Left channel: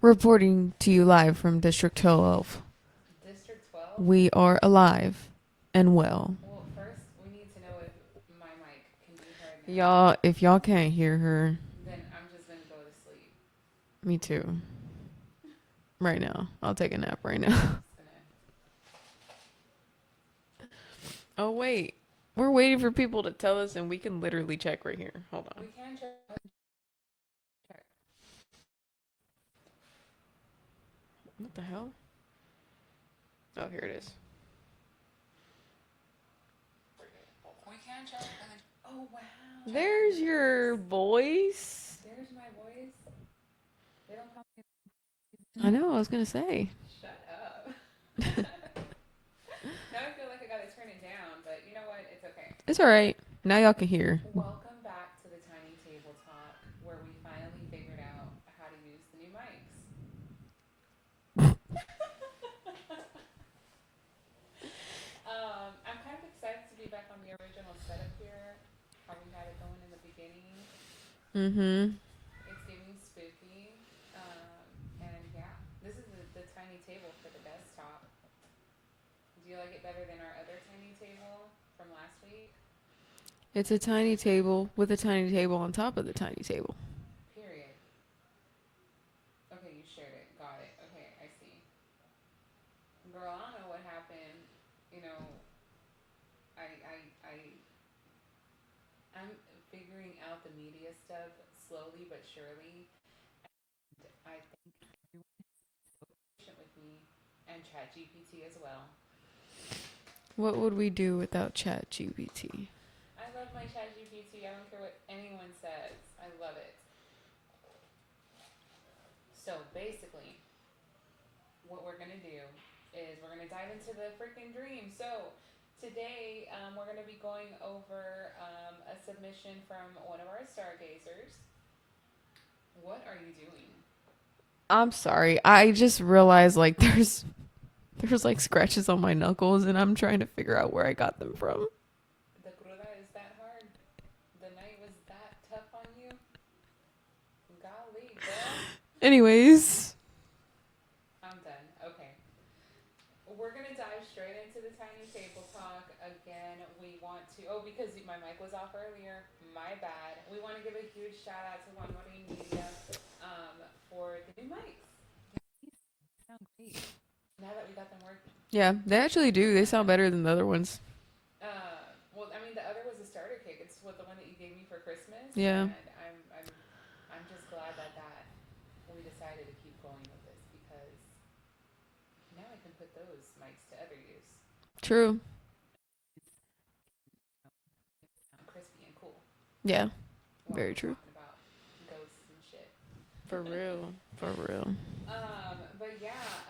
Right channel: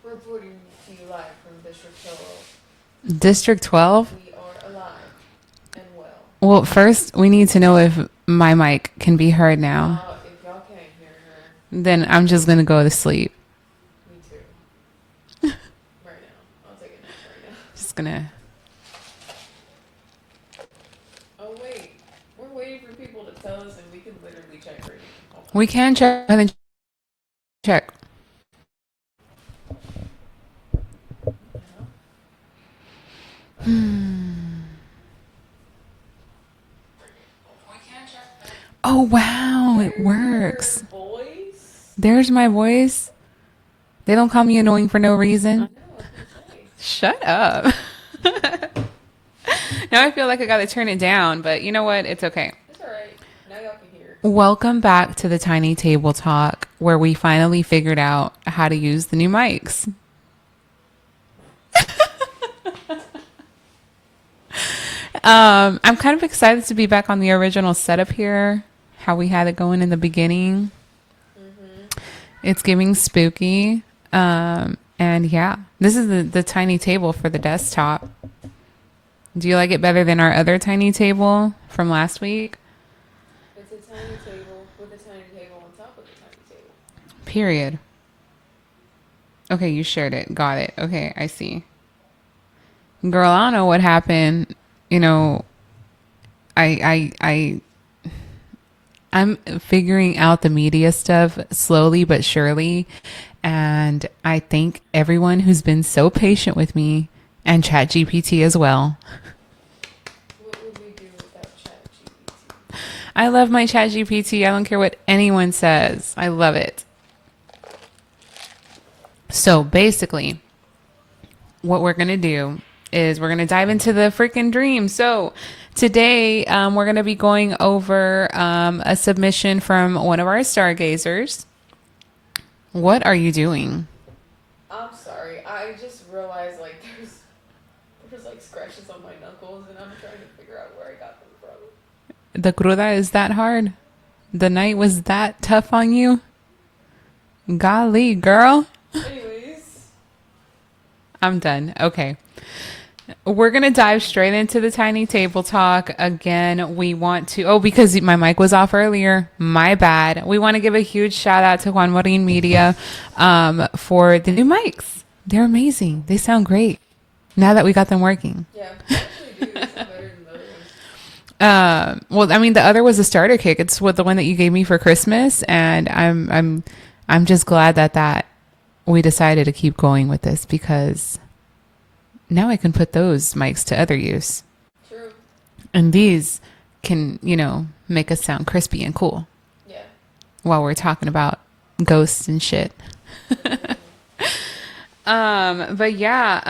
Reporting to you live from District 12. District 12? We are alive and well. Well, first, we need to know if my mic can be heard now. Y'all, if y'all can't hear her, Then I'm just going to go to sleep. me too. Right now. I'll take a nap right now. Just going to. Oh, wait. We're waiting for people to tell us, and we can literally check right here. Hold on. We can check and then check. What the hell? Oh, there it is. Oh, wow. It There's works. your voice. There's my voice. They don't call me annoying for no I reason. know, I was going to say. Shut up. Now I feel like I got to turn it down, but you know what? It's okay. It's all right. Now y'all can hear. Welcome back to the Tiny Table Talk, where we finally figured out how to use the new mics. I'm kind of excited to be back on the original setup here, how we had it going in the beginning. Mm-hmm. It's giving spooky. And yeah, this is the tiny table for the desktop. Do you like it better than our other tiny table from last week? It's a tiny table with a tiny table on top of the tiny table. Period. Okay, you shared it. Got it. Okay, I see. Girl, I don't know what happened. You know, I'm figuring out the media stuff slowly but surely. And I thank everyone who's been so patient with me and ChatGPT as well. What would we do without ChatGPT? I love my ChatGPT. I don't care what anyone says. I love it. So basically, what we're going to do is we're going to dive into the freaking dream. So today, we're going to be going over a submission from one of our stargazers. What are you doing? I'm sorry. I just realized like there's like scratches on my knuckles and I'm trying to figure out where I got them from. The cruda is that hard? The night was that tough on you? Golly, girl. Anyways, I'm done. Okay. We're going to dive straight into the tiny table talk. Again, we want to, because my mic was off earlier, my bad. We want to give a huge shout out to Juan Marin Media for the new mics. They're amazing. They sound great now that we got them working. yeah, they actually do. They sound better than the other ones. Well, I mean, the other was a starter kit. It's the one that you gave me for Christmas. Yeah. And I'm just glad that we decided to keep going with this because now I can put those mics to other use. True. And these can, make us sound crispy and cool Yeah. while we're talking about ghosts and shit. For real. For real. But yeah,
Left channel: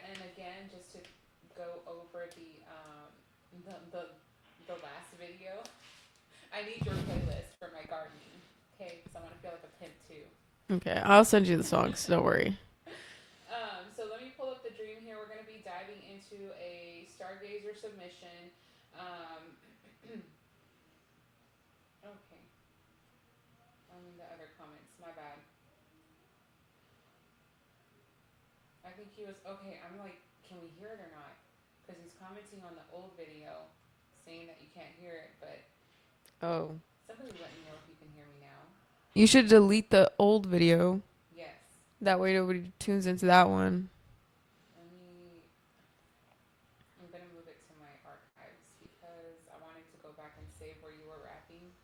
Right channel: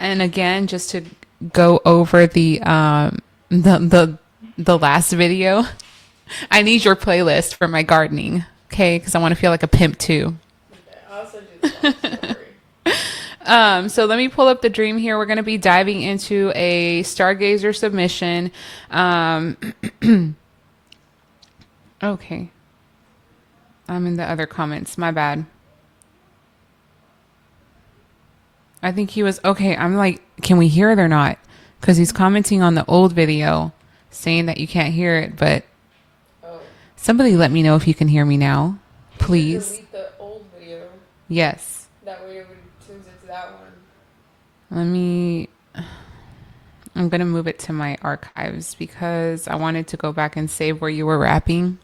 and again, just to go over the last video, I need your playlist for my gardening, okay? Because I want to feel like a pimp too. Okay, I'll send you the songs. Don't worry. So let me pull up the dream here. We're going to be diving into a stargazer submission. Okay. I'm in the other comments. My bad. I think he was okay. I'm like, can we hear it or not? Because he's commenting on the old video saying that you can't hear it. But Oh. somebody let me know if you can hear me now. You Please. should delete the old video. Yes. That way nobody tunes into that one. I'm going to move it to my archives because I wanted to go back and save where you were rapping.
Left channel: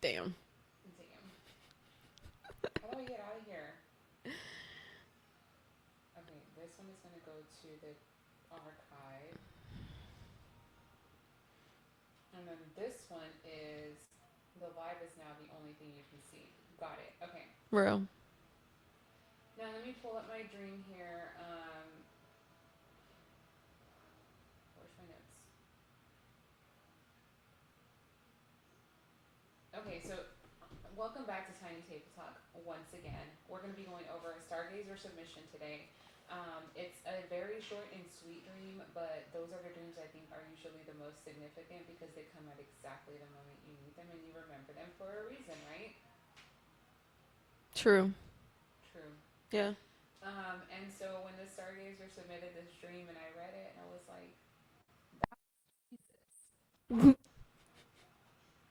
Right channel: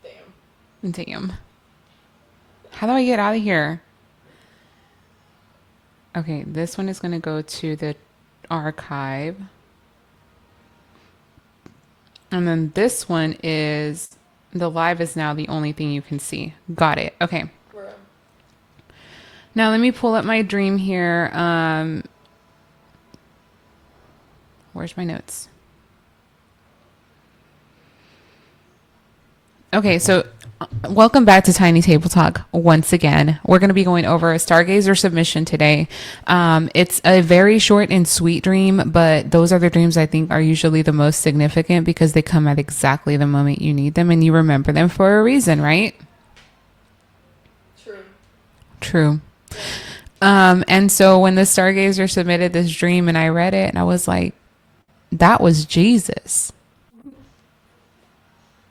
Damn. Damn. How do I get out of here? Okay, this one is going to go to the archive. And then this one is, the live is now the only thing you can see. Got it. Okay. Real. Now let me pull up my dream here. Where's my notes? Okay, so welcome back to Tiny Table Talk once again. We're going to be going over a Stargazer submission today. It's a very short and sweet dream, but those are the dreams I think are usually the most significant because they come at exactly the moment you need them and you remember them for a reason, right? True. True. And so when the stargazer submitted this dream and I read it and I was like, that was Jesus.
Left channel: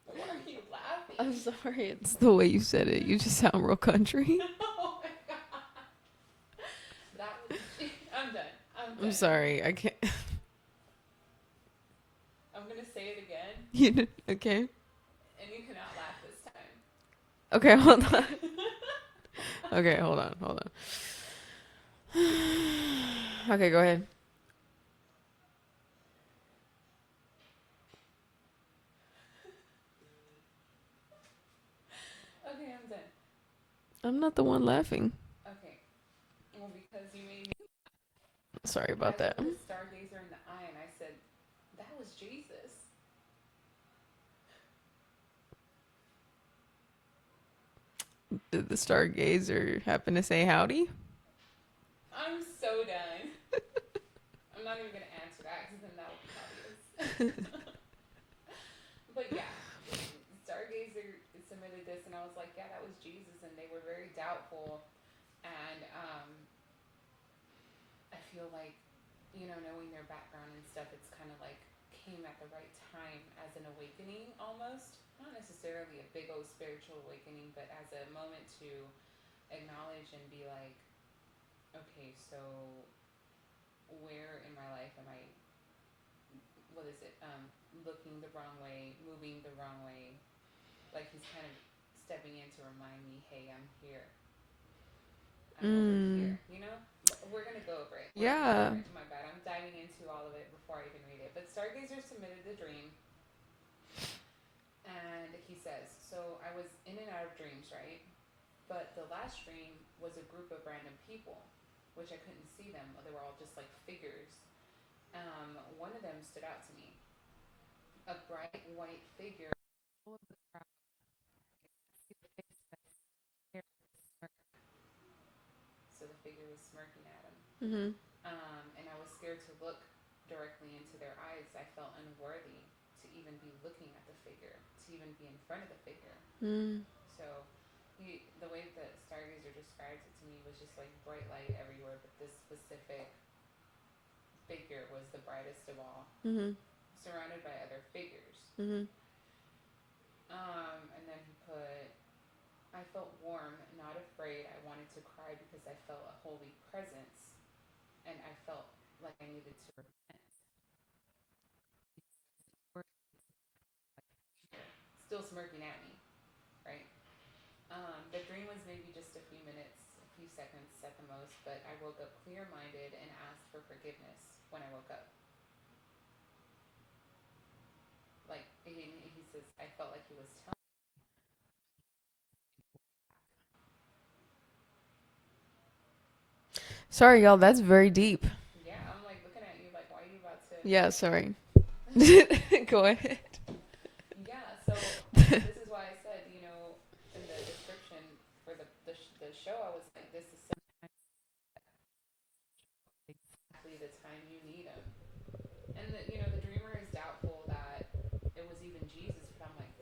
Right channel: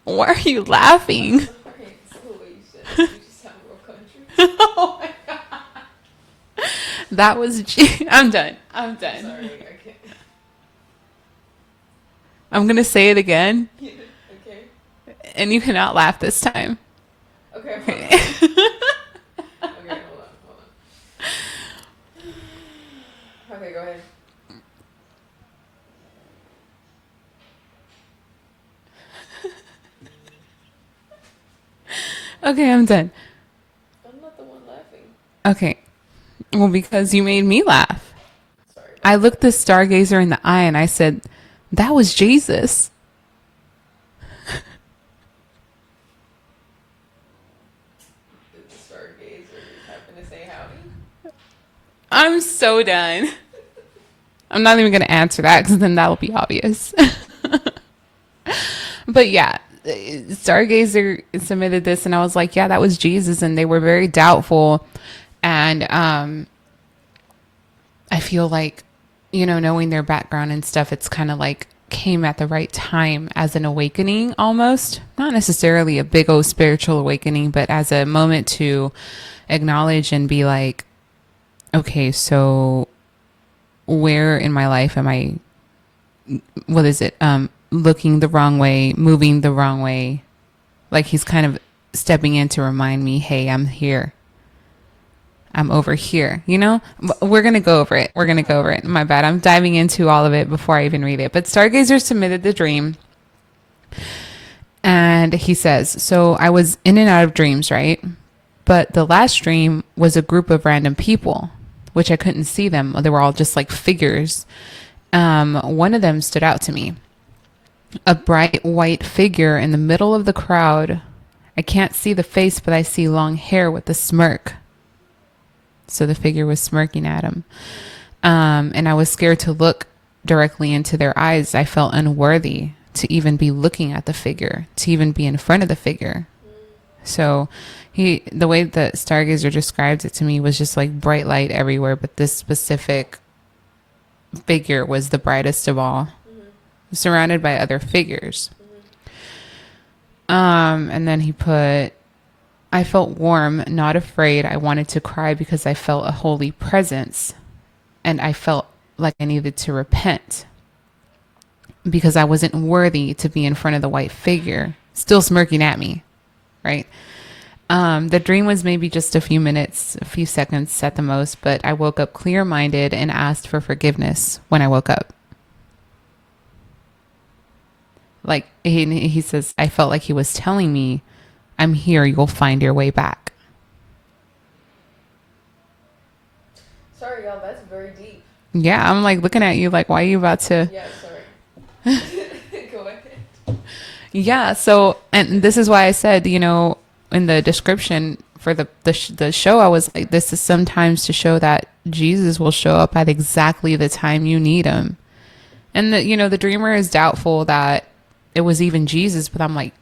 Why are you laughing? Sorry, it's the way you said it. You just sound real country. Oh my God. That was I'm done. I'm done. I'm sorry. I can't. I'm going to say it again Okay. and you cannot laugh this time. Okay, hold on. Okay, hold on. Okay, go ahead. Okay, I'm done. I'm not the one laughing. Okay. Well, because you made me laugh. Sorry about I that. looked the stargazer in the eye and I said, that was Jesus. Did the stargazer happen to say howdy? I'm so done. I'm not even going to answer that because then that'll be obvious. But yeah, stargazer submitted this and I was like, yeah, that was Jesus. And they were very doubtful. And I feel like, knowing their background and stuff, it's kind of like came at the right time as an awakening almost. Not necessarily a big old spiritual awakening, but as a moment to acknowledge and be like, okay, so where in my life am I, what is it? Looking the wrong way, moving the wrong way. Like he's kind of stepping in to remind me, hey, I'm here. I'm over here, We're going to go over it. We're going to go over it. My bad. I'm diving into all of it before I even read it. But Stargazer submitted the dream. And he says, so I was in and out of dreams, right? But the last dream was a group of random people, which I couldn't see them. They were all just like figures. One of them stood out to me. A bright white figure in the middle of the crowd. I can't see the face, but I see long hair with a smirk. So the figure was smirking at him. And I was scared to look directly into their eyes. I felt unworthy to even be looking at the figure, to even be in front of the figure. So the way that Stargazer described it to me was just like bright light everywhere. But this specific figure was the brightest of all, surrounded by other figures. And then he put, I felt warm, not afraid. I wanted to cry because I felt a holy presence. And I felt like I needed to repent because I wasn't worthy to be in front of the white figure, still smirking at me, right? The dream was maybe just a few minutes, a few seconds at the most, but I woke up clear-minded and asked for forgiveness when I woke up. Like he says, I felt like he was telling me, I'm here, you'll find your way back. Sorry, y'all. That's very deep. Yeah, I'm like looking at you like, why are you about to? Yeah, sorry. Go ahead. Yeah, so, and this is why I said, in the description for the show, I was like, this is sometimes to show that Jesus will show up at exactly the time you need him. And the dreamer is doubtful that it was even Jesus, but I'm like,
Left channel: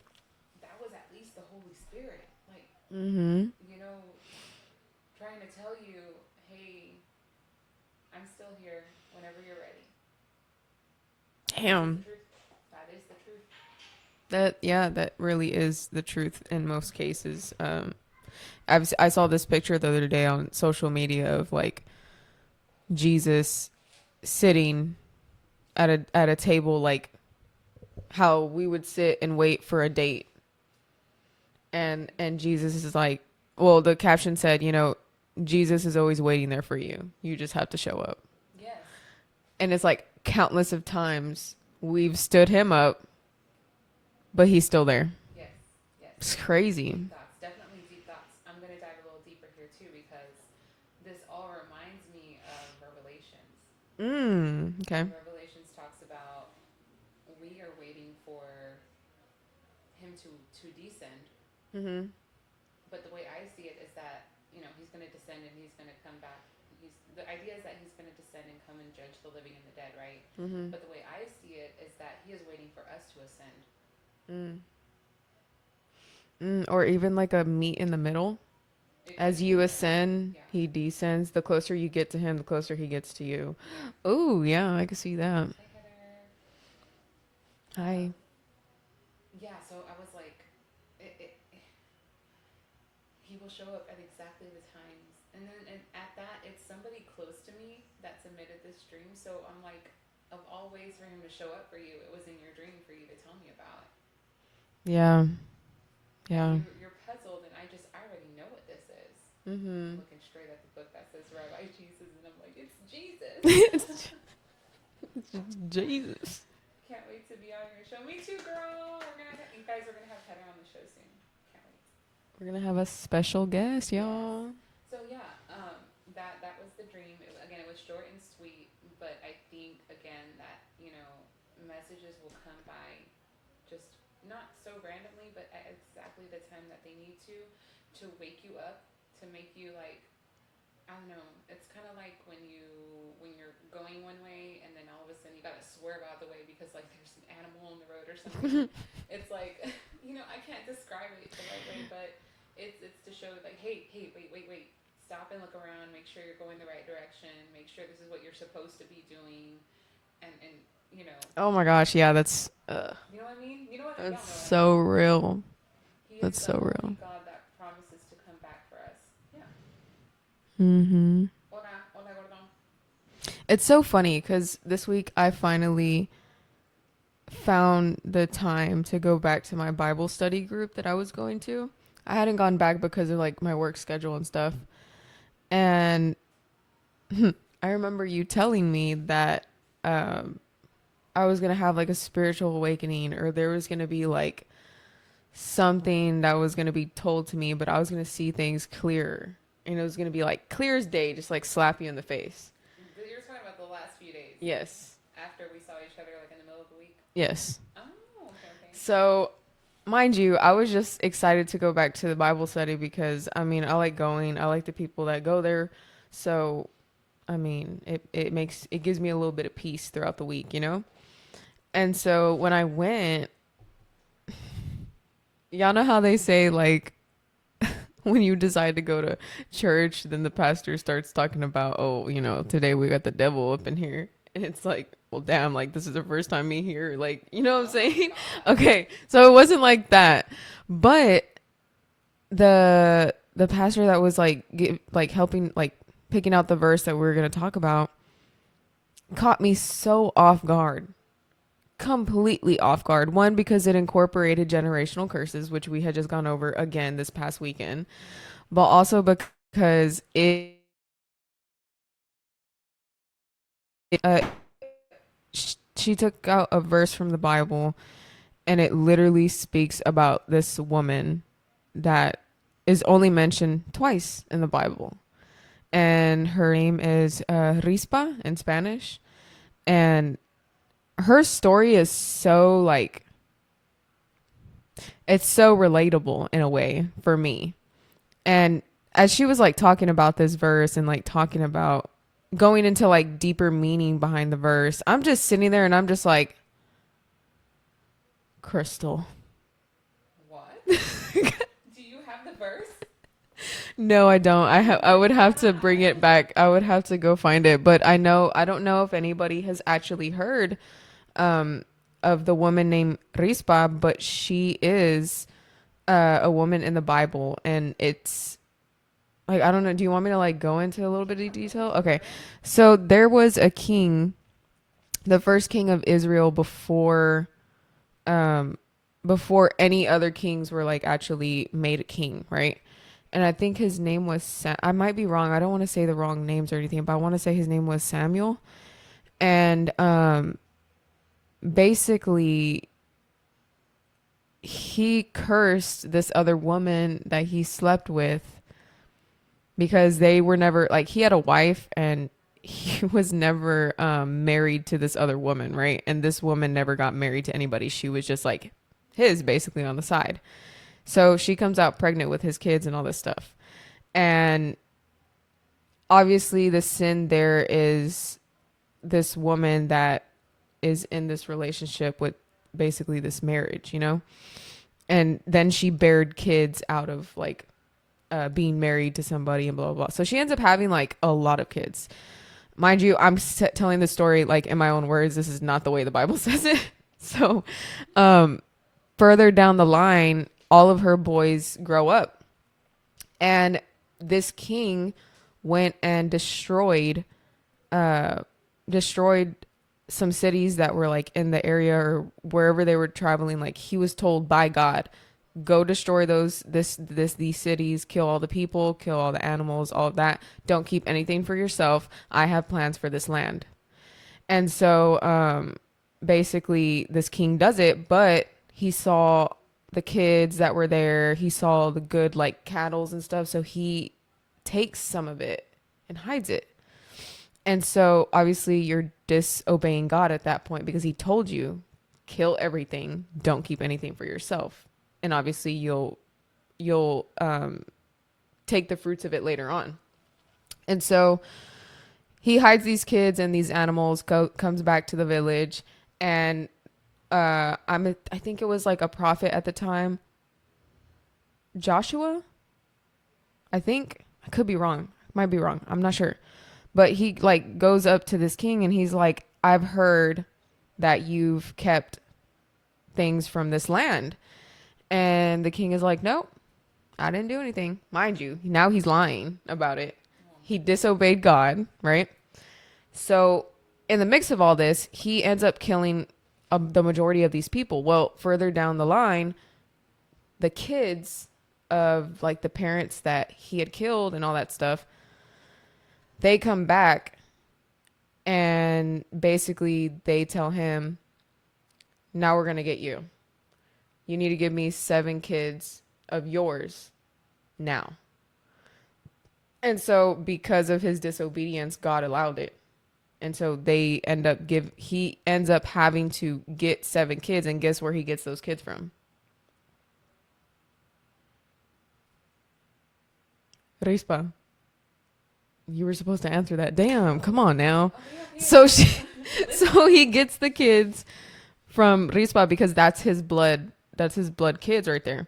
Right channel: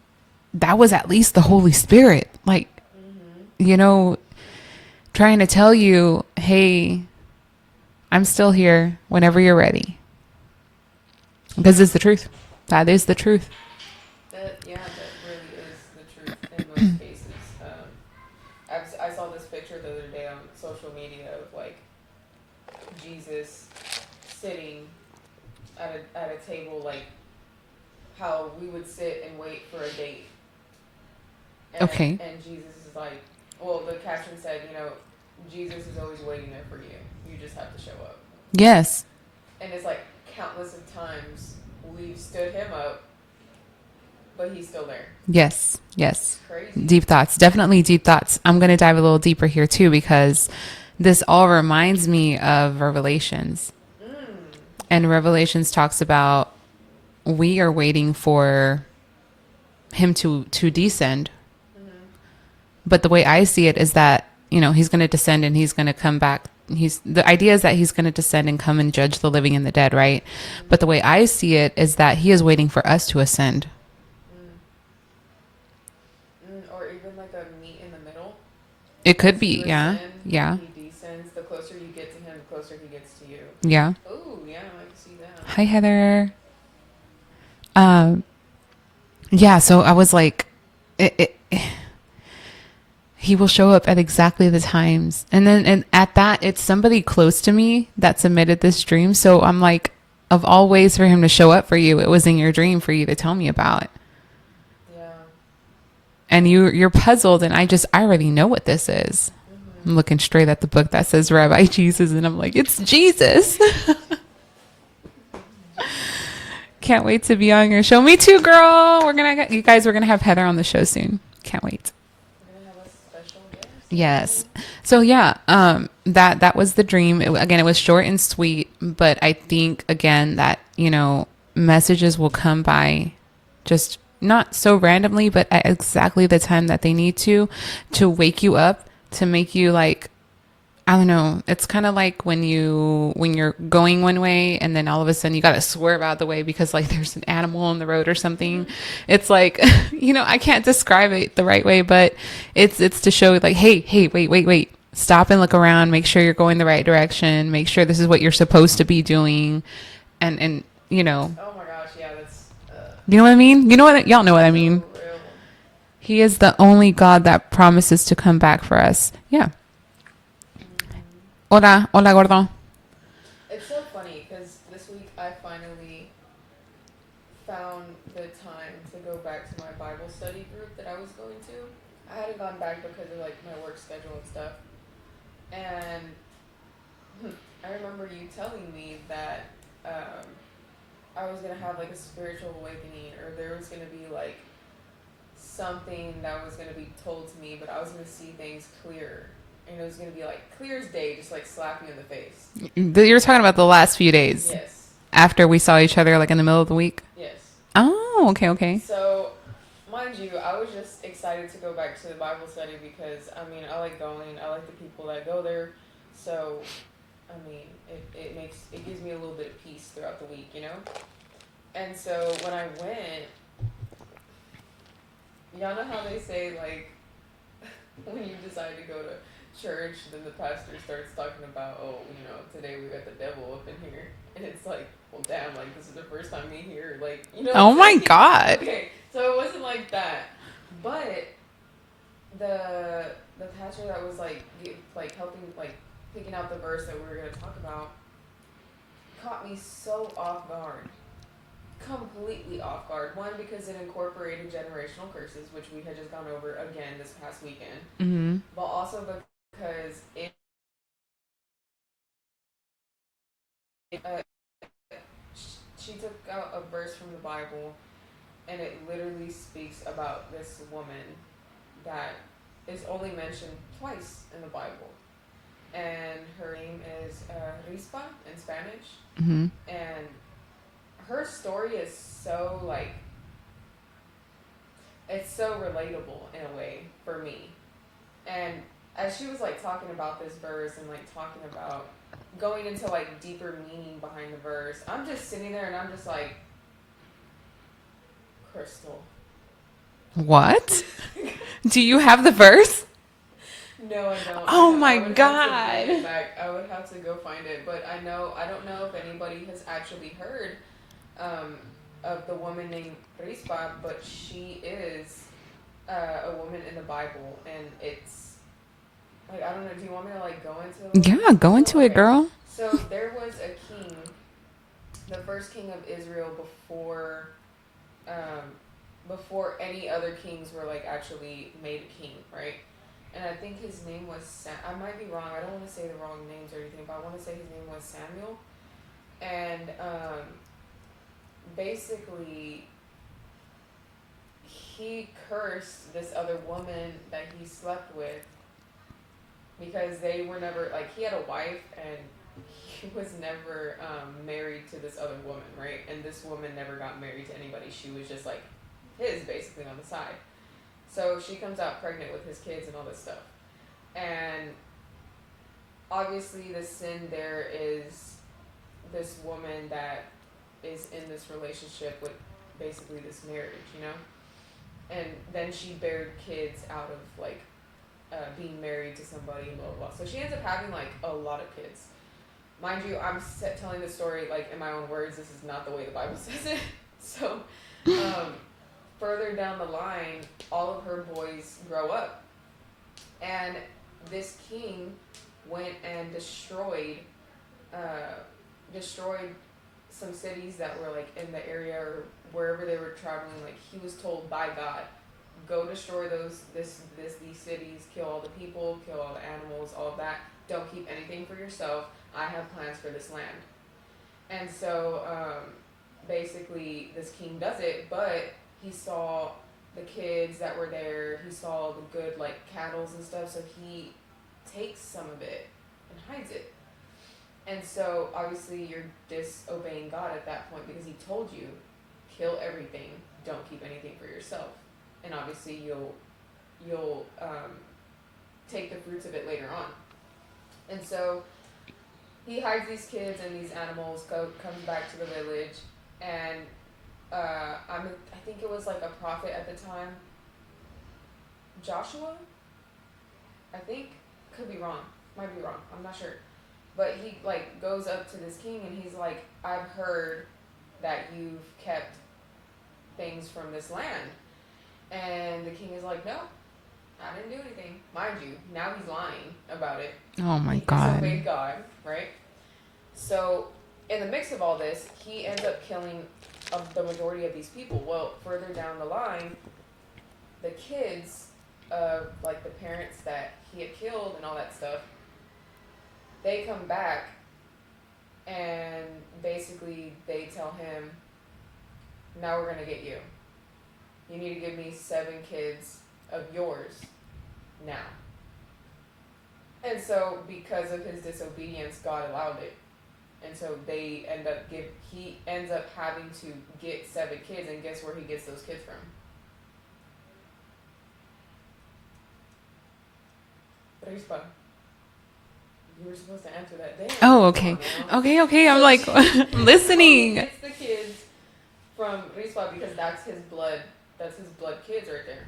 that was at least the Holy Spirit. Like, trying to tell you, hey, I'm still here whenever you're ready. Because it's the truth. That is the truth. That really is the truth in most cases. I saw this picture the other day on social media of like Jesus sitting at a table, like how we would sit and wait for a date. And, and Jesus is like, well, the caption said, Jesus is always waiting there for you. You just have to show up. Yes. And it's like countless of times we've stood him up, but he's still there. Yes. It's crazy. Deep thoughts. Definitely deep thoughts. I'm going to dive a little deeper here too, because this all reminds me of Revelations. Okay. And Revelations talks about we are waiting for him to descend. But the way I see it is that, he's going to descend and he's going to come back. The idea is that he's going to descend and come and judge the living and the dead, right? But the way I see it is that he is waiting for us to ascend. Or even like a meet in the middle. It could As be, you yeah. ascend, Yeah. he descends. The closer you get to him, the closer he gets to you. Yeah. Oh, yeah, I can see that. Hi, Heather. Um, yeah, so I was like, he will show up at exactly the times. And then and at that, it's somebody close to me that submitted this dream. So I'm like, of all ways for him to show up for you, it was in your dream for you to tell me about. Yeah. And Wow. you're puzzled, and I already know what this is. Mm-hmm. I'm looking straight at the book that says Rabbi Jesus, and I'm like, it's Jesus. Can't wait to be on your show. Me too, girl. You guys, we're gonna have Heather on the show soon. Can't wait. We're gonna have a special guest. Yes. So yeah, that was the dream. Again, it was short and sweet, but I think again that, messages will come by just not so randomly, but at exactly the time that they need to wake you up, to make you like, I don't know. It's kind of like when you're going one way and then all of a sudden you got to swerve out the way because like there's an animal on the road or something. It's like, I can't describe it the right way, but it's to show like, hey, wait. Stop and look around. Make sure you're going the right direction. Make sure this is what you're supposed to be doing. And Oh my gosh, yeah, that's you know what I mean? Y'all know what I so mean? real. He is That's the so only God that promises to come back for us. Yeah. Mm-hmm. Hola, gordo. It's so funny because this week I finally found the time to go back to my Bible study group that I was going to. I hadn't gone back because of like my work schedule and stuff. And I remember you telling me that I was going to have like a spiritual awakening, or there was going to be like something that was going to be told to me, but I was going to see things clearer. And it was going to be like clear as day, just like slap you in the face. You're talking about the last few days. Yes. After we saw each other like in the middle of the week. Yes. Oh, okay. So, mind you, I was just excited to go back to the Bible study because, I mean, I like going. I like the people that go there. So, I mean, it gives me a little bit of peace throughout the week, And so when I went, y'all know how they say, like, when you decide to go to church, then the pastor starts talking about, oh, today we got the devil up in here. And it's like, well, damn, like, this is the first time me here. Like, Oh my God. Okay. So it wasn't like that. But the pastor that was like, helping, like, picking out the verse that we were going to talk about caught me so off guard. Completely off guard. One, because it incorporated generational curses, which we had just gone over again this past weekend, but also because she took out a verse from the Bible, and it literally speaks about this woman that is only mentioned twice in the Bible, and her name is Rispa in Spanish, and her story is so like, it's so relatable in a way for me. And as she was like talking about this verse and like talking about going into like deeper meaning behind the verse, I'm just sitting there and I'm just like, Crystal. What? Do you have the verse? No, I don't. I would have to bring it back. I would have to go find it. But I don't know if anybody has actually heard of the woman named Rispa, but she is a woman in the Bible, and it's like, I don't know. Do you want me to like go into a little bit of go into it, girl. So there was a king, the first king of Israel before any other kings were like actually made a king, right? And I think his name was I might be wrong. I don't want to say the wrong names or anything, but I want to say his name was Samuel. And basically he cursed this other woman that he slept with because they were never, like, he had a wife and he was never married to this other woman, right? And this woman never got married to anybody. She was just like his, basically, on the side. So she comes out pregnant with his kids and all this stuff. And obviously the sin there is this woman that is in this relationship with basically this marriage, And then she bared kids out of like being married to somebody and blah, blah, blah. So she ends up having like a lot of kids. Mind you, I'm telling the story like in my own words. This is not the way the Bible says it. So further down the line, all of her boys grow up. And this king went and destroyed some cities that were like in the area or wherever they were traveling. Like he was told by God, go destroy these cities, kill all the people, kill all the animals, all of that. Don't keep anything for yourself. I have plans for this land. And so basically this king does it, but he saw the kids that were there. He saw the good like cattle and stuff. So he takes some of it and hides it. And so obviously you're disobeying God at that point because he told you, kill everything. Don't keep anything for yourself. And obviously you'll take the fruits of it later on. And so he hides these kids and these animals, comes back to the village, and I think it was like a prophet at the time, Joshua. I think I could be wrong. Might be wrong. I'm not sure. But he like goes up to this king and he's like, I've heard that you've kept things from this land. And the king is like, nope, I didn't do anything. Mind you, now he's lying about it. Oh my God. He disobeyed God, right? So in the mix of all this, he ends up killing the majority of these people. Well, further down the line, the kids of like the parents that he had killed and all that stuff, they come back and basically they tell him, now we're going to get you. You need to give me 7 kids of yours now. And so because of his disobedience, God allowed it. And so he ends up having to get 7 kids, and guess where he gets those kids from? Rispa. You were supposed to answer that. Damn. Oh, okay. Come on now. Okay. So I'm like listening. So he gets the kids from Rispa because that's his blood. That's his blood kids right there.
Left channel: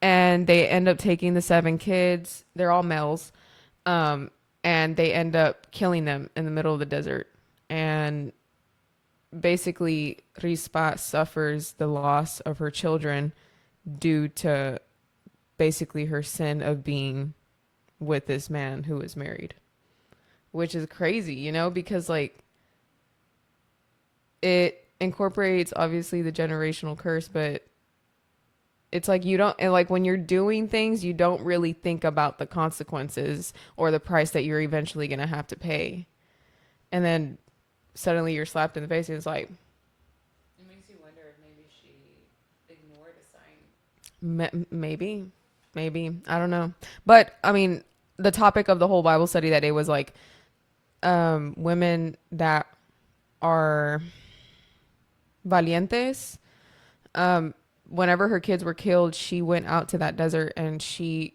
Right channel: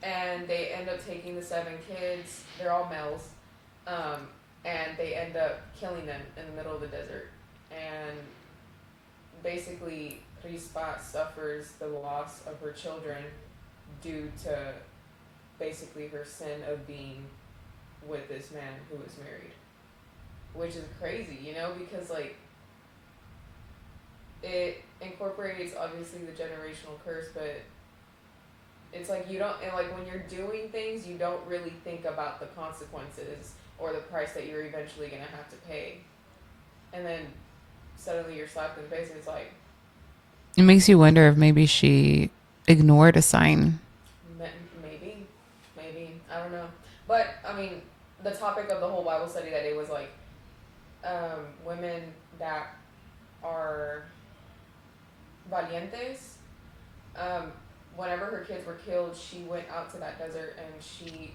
And they end up taking the 7 kids. They're all males. And they end up killing them in the middle of the desert. And basically, Rispa suffers the loss of her children due to basically her sin of being with this man who is married. Which is crazy, you know, because like it incorporates obviously the generational curse, but it's like you don't, and like when you're doing things, you don't really think about the consequences or the price that you're eventually going to have to pay. And then suddenly you're slapped in the face and it's like, it makes you wonder if maybe she ignored a sign. maybe, I don't know. But I mean, the topic of the whole Bible study that day was like, women that are valientes, whenever her kids were killed, she went out to that desert and she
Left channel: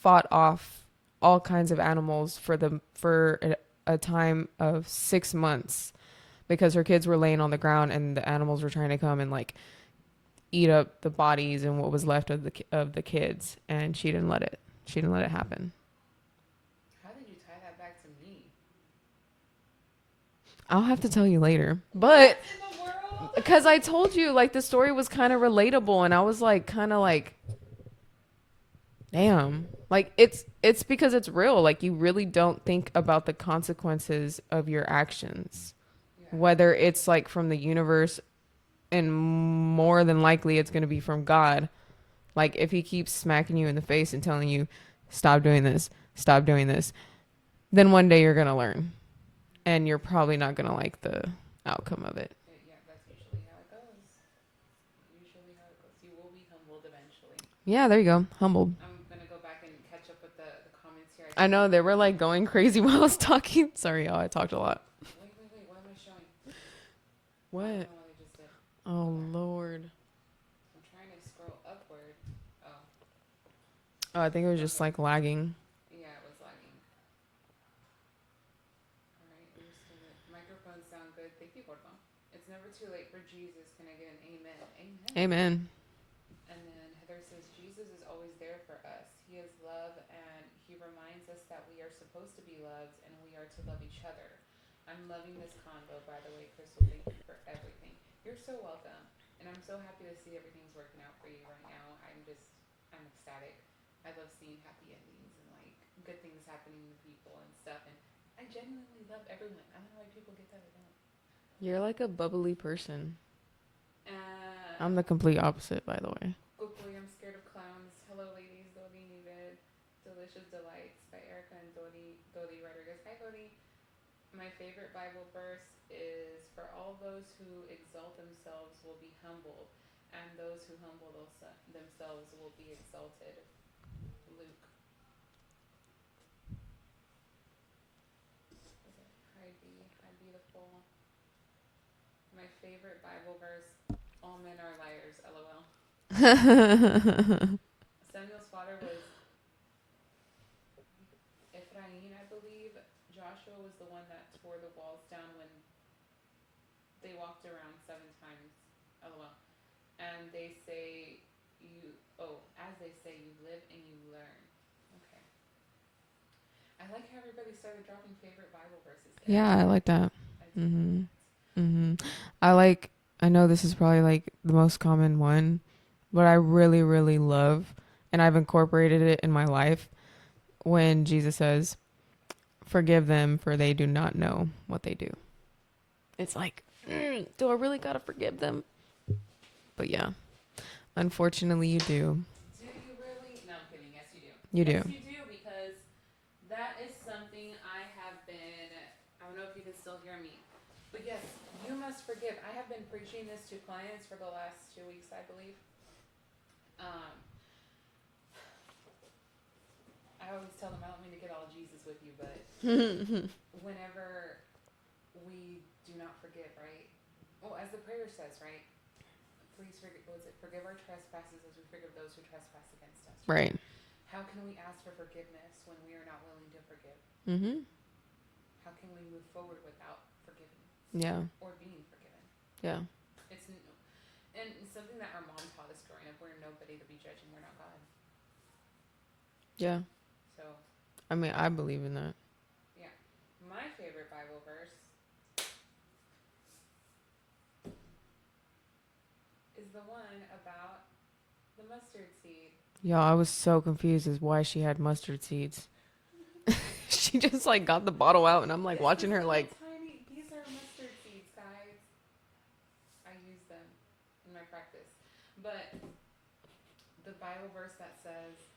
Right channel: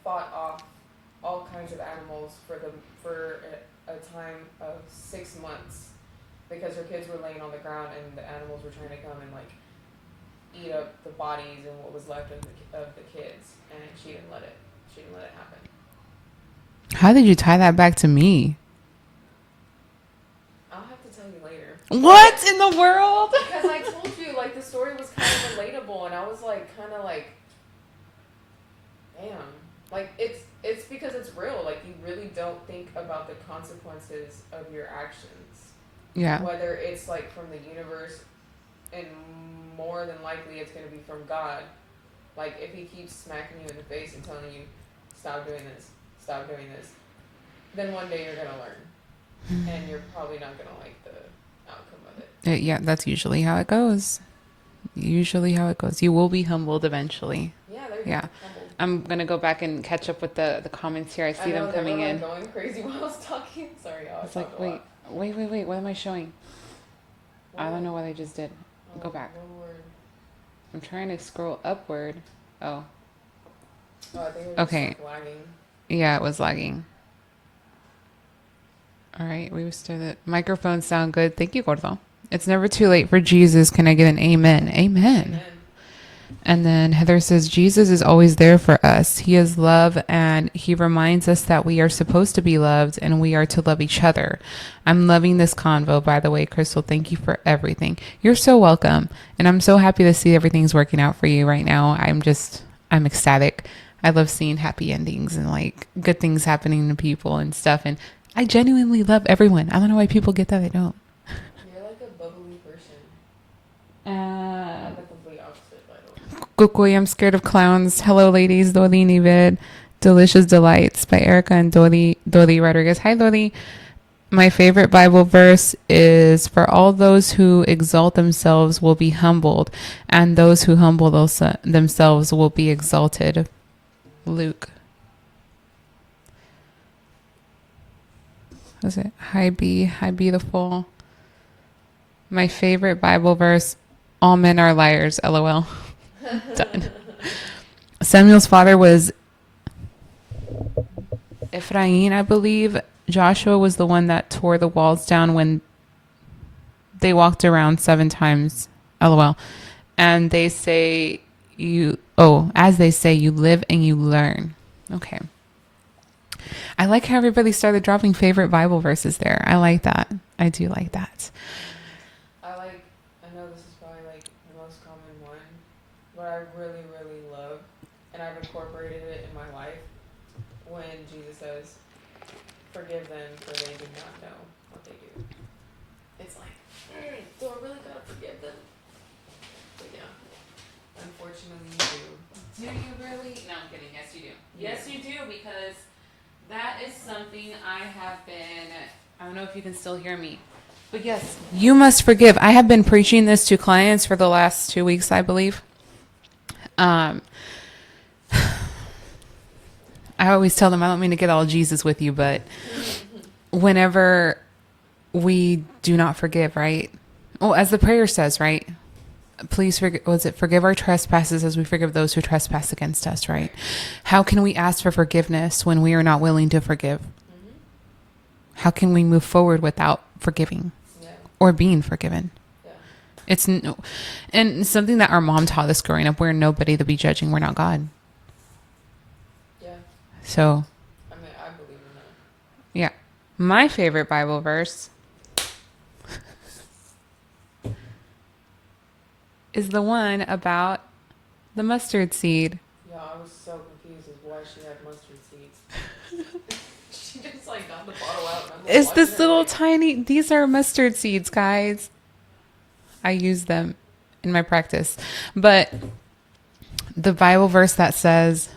fought off all kinds of animals for a time of 6 months because her kids were laying on the ground and the animals were trying to come and like eat up the bodies and what was left of the kids, and she didn't let it happen. How did you tie that back to me? I'll have to tell you later. What in the world? Because I told you, like, the story was kind of relatable, and I was like, kind of like, damn. Like, it's because it's real. Like, you really don't think about the consequences of your actions. Yeah. Whether it's like from the universe, and more than likely it's going to be from God. Like, if he keeps smacking you in the face and telling you, stop doing this, then one day you're going to learn. And you're probably not going to like the outcome of it. Yeah, that's usually how it goes. You will be humbled eventually. Yeah, there you go. Yeah. Humbled. I'm going to go back and catch up with the comments here. I know, they were like going crazy while I was talking. Sorry, y'all. I talked a lot. Wait. What am I showing? What? I don't know what I just did. Go back. Lord. I'm trying to scroll upward. Oh, I think it was just like lagging. Yeah, it was lagging. All right, we started. Microphones sound good. Thank you, Gordo. It's never too late for Jesus. Can I get an amen? Amen. Amen. And then Heather says, Jesus is always there for us. He is love, and he reminds us that we are supposed to be loved and we are to love each other. I'm loving this convo, by the way, Crystal. Thank you for everything. You're so welcome. And I'm so happy to see everything's working out for you right now. I'm ecstatic. I love seeing happy endings and like good things happening to people and stuff. And I genuinely love everyone. I don't know why people get that. I don't. You're like a bubbly person. I'm I'm the complete opposite, by the way. Kukoy, I'm scared of clowns. Hello, ladies. Dori Nivid. Delicious Delights by Erica and Dori Rodriguez. Hi, Dori. My favorite Bible verse is, for all those who exalt themselves will be humbled, and those who humble themselves will be exalted. Luke. What's it? Hi, B. Hi, beautiful. My favorite Bible verse, all men are liars, LOL. Samuel's father was Ephraim, I believe. Joshua was the one that tore the walls down when they walked around 7 times, LOL. And they say as they say, you live and you learn. Okay. I like how everybody started dropping favorite Bible verses there. Yeah, I like that. I do like Mhm. that. I know this is probably like the most common one, but I really, really love, and I've incorporated it in my life, when Jesus says, forgive them for they do not know what they do. It's like, do I really gotta forgive them? But yeah, unfortunately you do. Do you really? No, I'm kidding. Yes, you do. You yes, do. you do, because that is something I have been. I don't know if you can still hear me, but yes, you must forgive. I have been preaching this to clients for the last 2 weeks, I believe. I always tell them I don't mean to get all Jesus with you, but whenever we do not forgive, right? Well, as the prayer says, right? Please forgive our trespasses as we forgive those who trespass against us, right? How can we ask for forgiveness when we are not willing to forgive? Mm-hmm. How can we move forward without forgiving Yeah. or being forgiven? Yeah. And something that our mom taught us growing up, we're nobody to be judging. We're not God. Yeah. So, I mean, I believe in that. yeah. My favorite Bible verse is the one about the mustard seed. Yo, I was so confused as why she had mustard seeds. She just like got the bottle out, and I'm like, It's watching this her, little like, tiny, these are mustard seeds, guys. I use them in my practice. But the Bible verse that says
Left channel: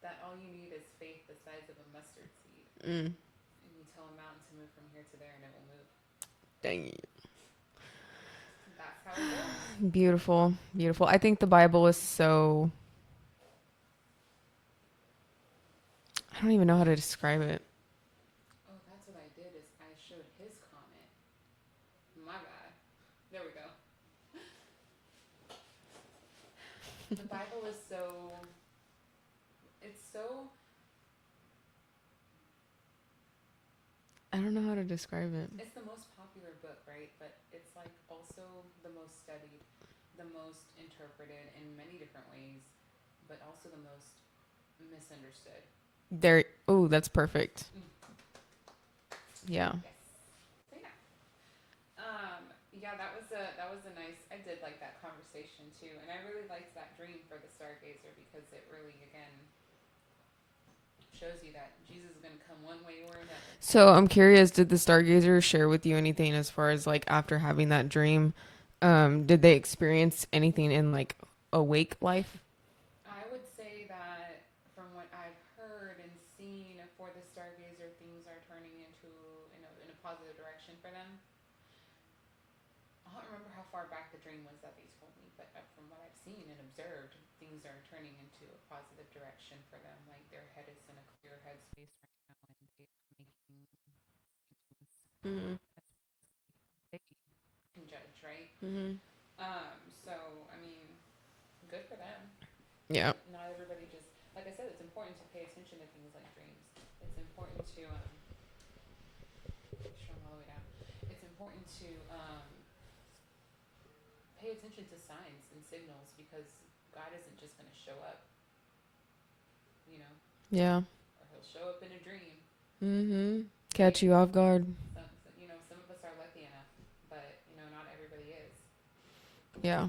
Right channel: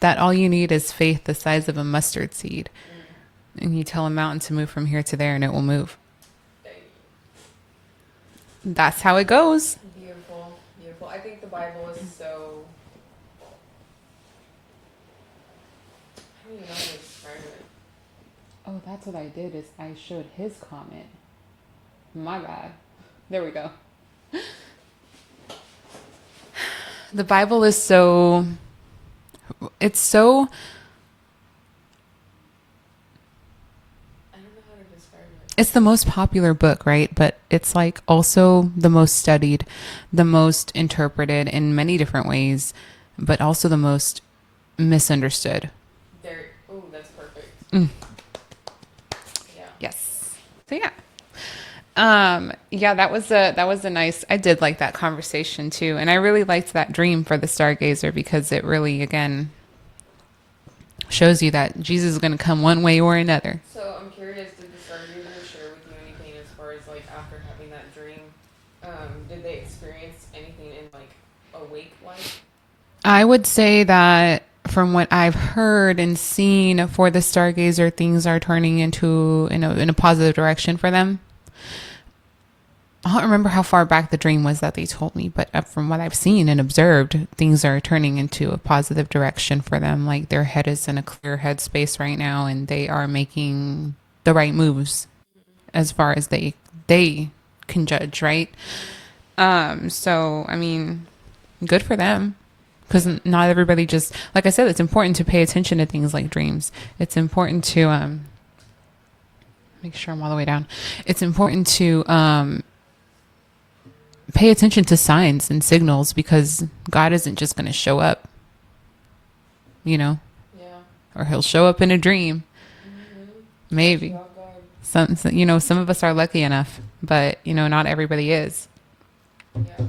that all you need is faith the size of a mustard seed. And you tell a mountain to move from here to there and it will move. dang. That's how it goes. Beautiful, beautiful. I think the Bible is so. I don't even know how to describe it. Oh, that's what I did is I showed his comment. My bad. There we go. The Bible is so, it's so, I don't know how to describe it. it's the most popular book, right? But it's like also the most studied, the most interpreted in many different ways, but also the most misunderstood. There. Oh, that's perfect. Mm. Yeah. Yes. So yeah. Yeah, that was a nice, I did like that conversation too. And I really liked that dream for the stargazer because it really, again, shows you that Jesus is going to come one way or another. So I'm curious, did the stargazer share with you anything as far as like after having that dream? Did they experience anything in like awake life? I would say that from what I've heard and seen for the stargazer, things are turning into in a positive direction for them. I don't remember how far back the dream was that they told me, but from what I've seen and observed, things are turning into a positive direction for them. Like their head is in a clear headspace right now, and they are making the right moves as far as they can judge, right? So I mean, good for them. Because not everybody just, like I said, it's important to pay attention to things like dreams. It's important to make sure I'm all the way down. It's important to pay attention to signs and signals, because God isn't just going to show up, you know, Yeah. or he'll show up in a dream. Mm-hmm. Catch Maybe. you off guard. Some of us are lucky enough, but, not everybody is. Yeah.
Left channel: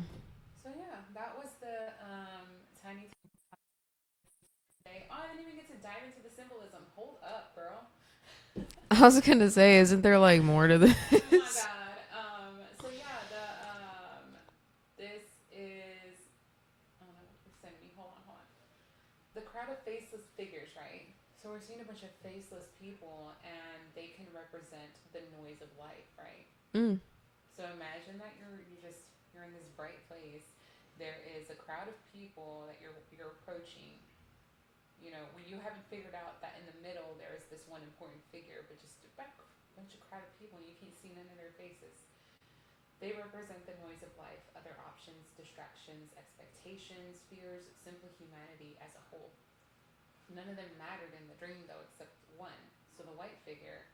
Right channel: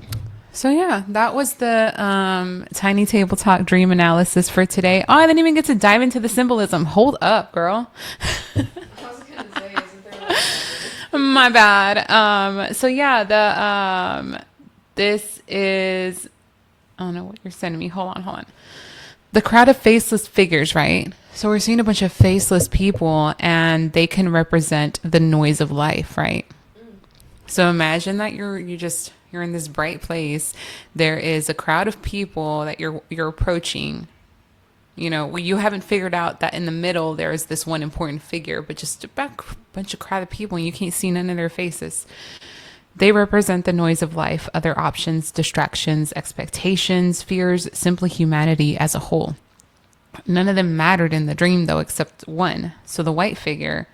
So yeah, that was the Tiny Table Talk dream analysis for today. Oh, I didn't even get to dive into the symbolism. Hold up, girl. I was gonna say, isn't there like more to this? My bad. So yeah, this is, I don't know what you're sending me. Hold on. The crowd of faceless figures, right? So we're seeing a bunch of faceless people, and they can represent the noise of life, right? Mm. So imagine that you're in this bright place. There is a crowd of people that you're approaching. You haven't figured out that in the middle there is this one important figure, but just a bunch of crowd of people, and you can't see none of their faces. They represent the noise of life, other options, distractions, expectations, fears, simply humanity as a whole. None of them mattered in the dream, though, except one. So the white figure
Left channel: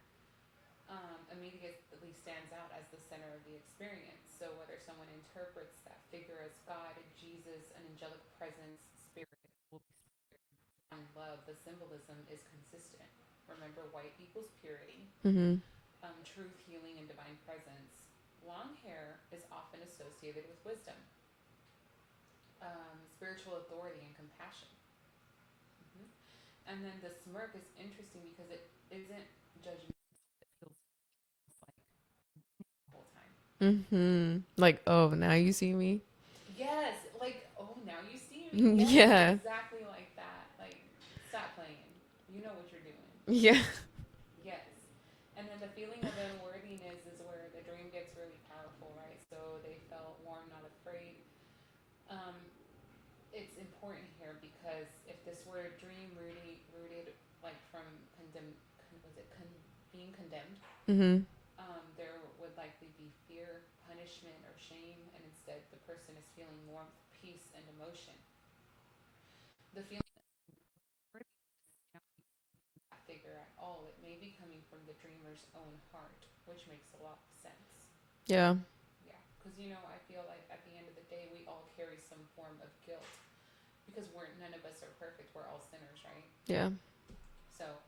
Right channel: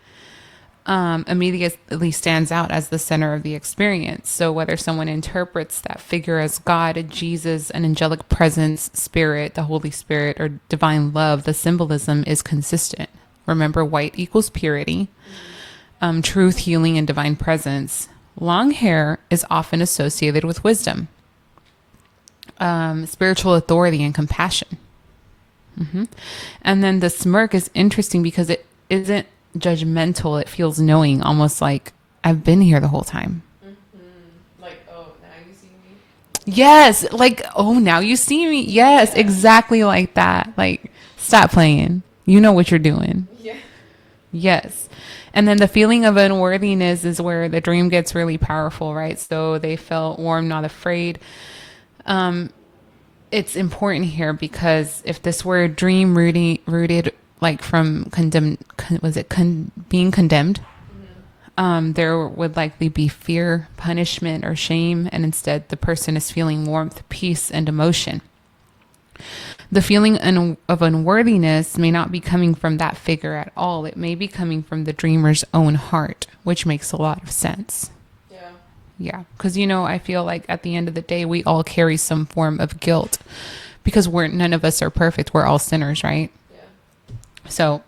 immediately stands out as the center of the experience. So whether someone interprets that figure as God, Jesus, an angelic presence, spirit, the Holy Spirit, or divine love, the symbolism is consistent. Remember, white equals purity, truth, healing, and divine presence. Long hair is often associated with wisdom, spiritual authority, and compassion. And then the smirk is interesting because it isn't judgmental. It feels knowing, almost like I've been here the whole time. Like, oh, now you see me. Yes, like, oh, now you see me. Yes, Yeah. exactly like that. Like, stop playing. You know what you're doing. Yeah. Yes. And then the feeling of unworthiness is where the dream gets really powerful, right? So they felt warm, not afraid. It's important here because if this were a dream rooted like from being condemned, there would likely be fear, punishment, or shame. And instead, the person is feeling warmth, peace, and emotion. The feeling of unworthiness may not be coming from that figure at all. It may be coming from the dreamer's own heart, which makes a lot of sense. Yeah. Yeah, because, I feel like at the end of the day, we all carry some form of guilt because none of us are perfect. We're all sinners, right? Yeah. So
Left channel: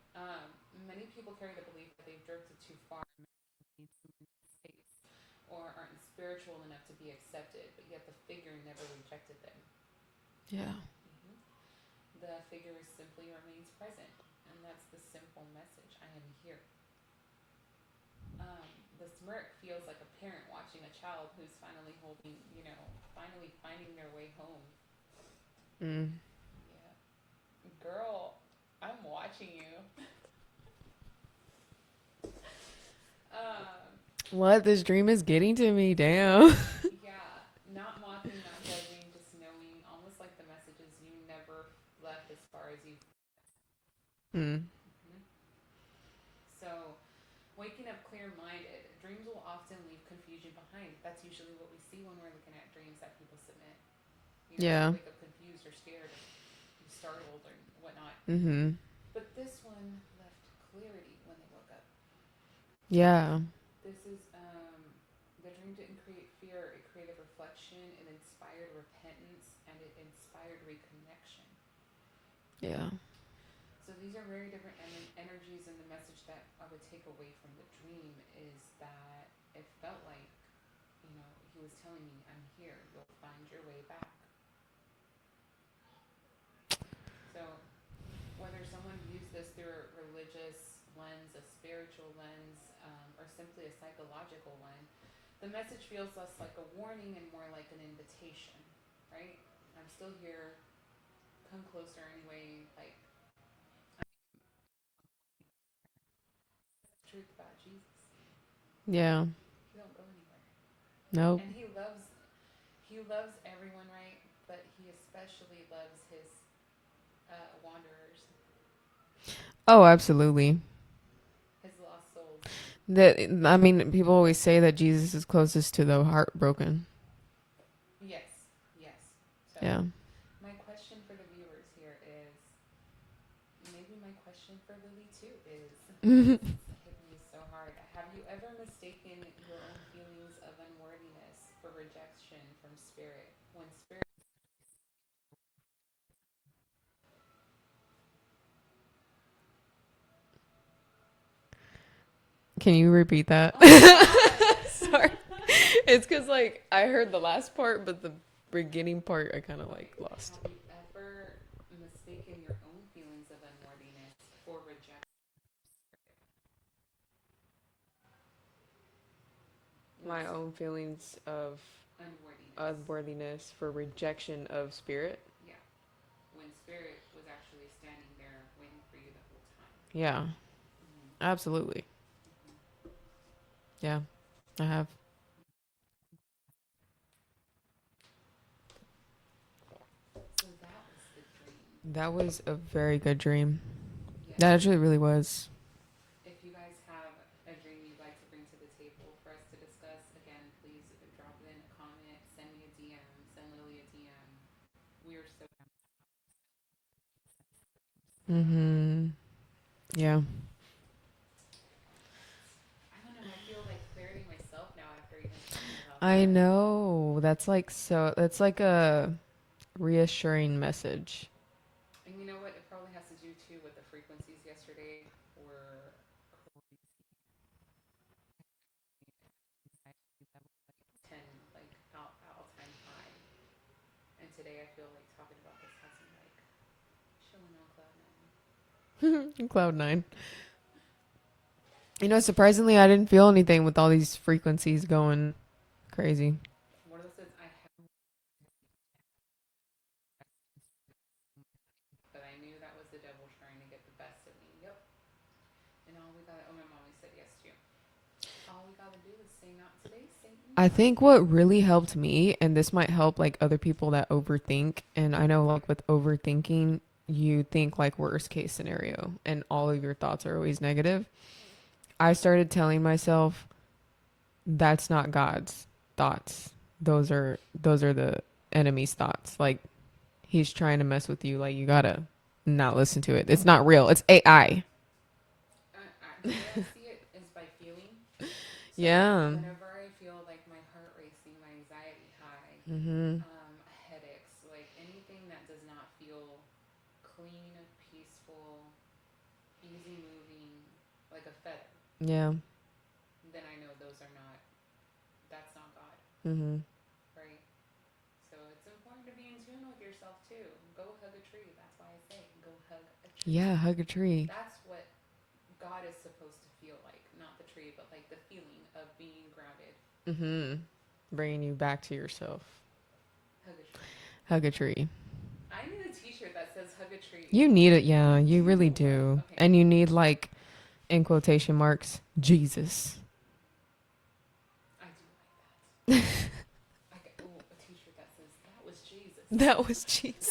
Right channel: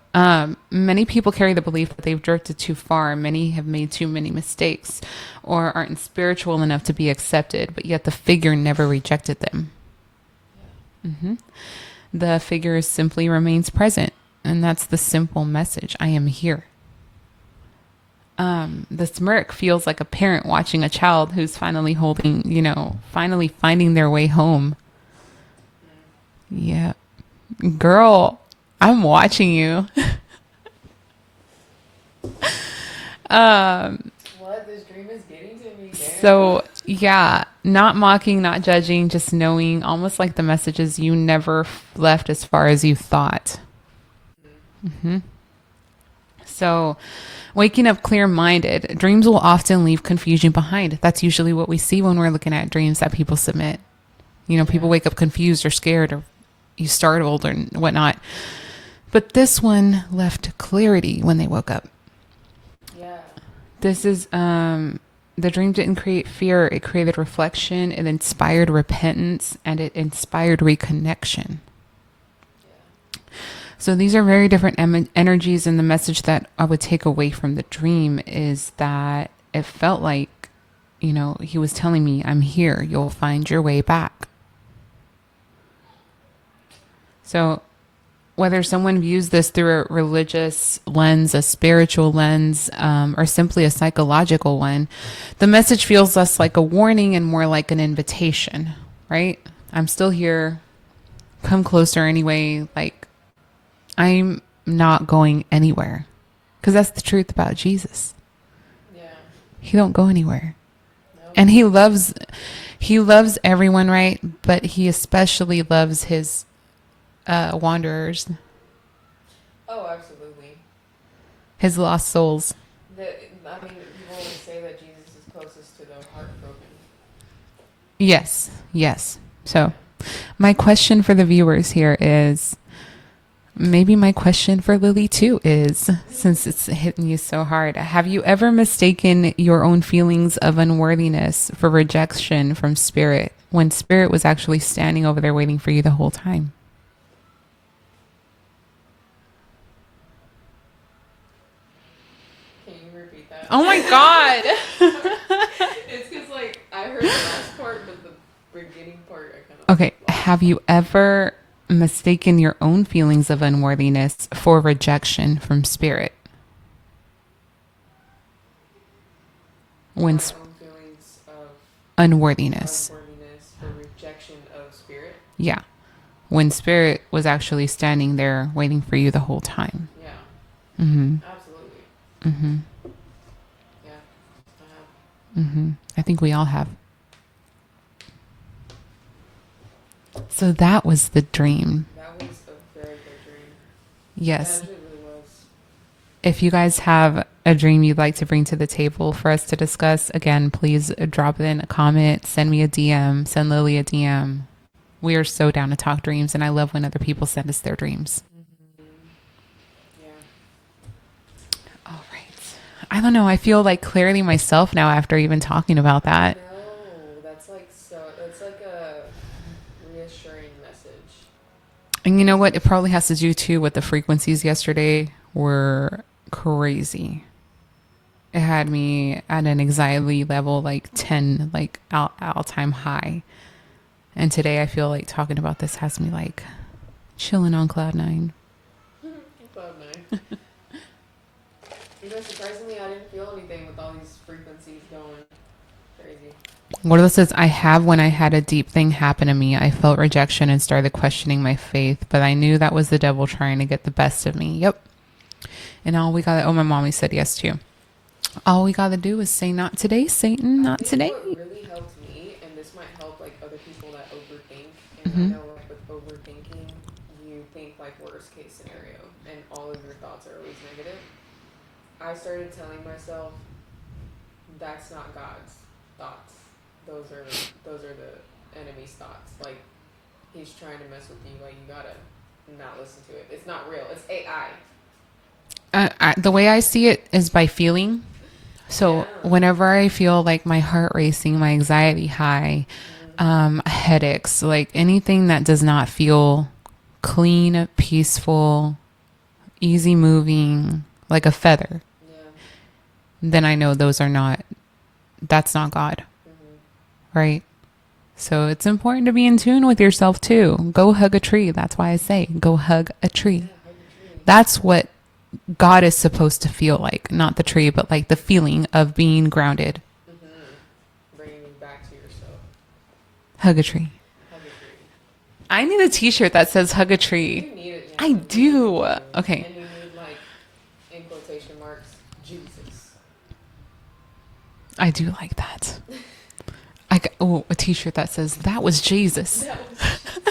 many people carry the belief that they've drifted too far. Many have made too many mistakes or aren't spiritual enough to be accepted, but yet the figure never rejected them. Yeah. The figure simply remains present, and that's the simple message. I am here. The smirk feels like a parent watching a child who's finally finally finding their way home. Yeah. Girl, I'm watching you. What? This dream is getting to me. Damn. So, yeah, not mocking, not judging, just knowing, almost like the messages you never left as far as you thought. So, waking up clear-minded, dreams will often leave confusion behind. That's usually what we see when we're looking at dreams that people submit. People wake up confused or scared or you startled or whatnot. But this one left clarity when they woke up. Yeah. This is, the dream didn't create fear. It created reflection. It inspired repentance and it inspired reconnection. Yeah. So these are very different energies. And the message that I would take away from the dream is that it felt like, he was telling me, I'm here. You'll find your way back. So whether someone views this through a religious lens, a spiritual lens, or simply a psychological one, the message feels less like a warning and more like an invitation, right? I'm still here. Come closer anyway. Like, I'm not going anywhere. Because that's the truth about Jesus. Yeah. He don't go anywhere. No. And he loves everyone, right? But he especially loves his wanderers, Oh, absolutely. his lost souls. People always say that Jesus is closest to the heartbroken. Yes. So Yeah. my question for the viewers here is, Maybe my question for Lily too is, since it's hitting you so hard, have you ever mistaken your own feelings of unworthiness for rejection from spirit when spirit was actually standing over there waiting for you the whole time? Can you repeat that? Oh my God. It's because like I heard the last part, but the beginning part I kind of Okay. Have you ever mistaken your own feelings of unworthiness for rejection from spirit? When my own feelings of unworthiness. unworthiness for rejection of spirit. Yeah. When spirit was actually standing there waiting for you the whole time. Yeah, Mm-hmm. absolutely. Mm-hmm. Yeah, I have. Mm-hmm. I think we all have. So that was the dream. That was a very good dream. Yes. That actually really was. If you guys have a dream you'd like to bring to the table for us to discuss, again, please drop it in a comment, send me a DM, send Lily a DM. We are so down to talk dreams, and I love when other people send us their dreams. Mm-hmm. Yeah. All right. I don't know. I feel like clearly myself now after even talking about that. I know. That's like a reassuring message. And you know what? It probably has to do too with the frequencies yesterday were crazy. It had me at an anxiety level like 10, like all time high. And today I feel like talking about this has me like chilling on cloud nine. Cloud nine. You know, surprisingly, I didn't feel anything with all these frequencies going crazy. Wardle says, I have when I had a deep thing happen to me. I felt rejection and started questioning my faith, but I knew that was the devil trying to get the best of me. Yep. And all we got, my mommy said yes too. All we got to do is say, not today, Satan. I Not think today. what really helped me, and this might help like other people that overthink, and I know like with overthinking, you think like worst case scenario, and all of your thoughts are always negative. I started telling myself, that's not God's thoughts. Those are the enemy's thoughts. Like he's trying to mess with you. Like you gotta not listen to it. It's not real. It's AI. The way I see it is by feeling. So Yeah. whenever I feel like my heart racing, my anxiety high, headaches, like anything that does not feel clean, peaceful, easy moving, like a feather, Yeah. then I know that's not God. Mm-hmm. Right? So it's important to be in tune with yourself too. Go hug a tree. That's why I say go hug a tree. Yeah, hug a tree. That's what God is supposed to feel like. Not the tree, but like the feeling of being grounded. Mm-hmm. Bringing you back to yourself. Hug a tree. Hug a tree. I need a t-shirt that says hug a tree. You need it, yeah. I you do. Really do. Okay. And you need like, in quotation marks, Jesus. I do like that. A t-shirt that says that was Jesus. That was Jesus.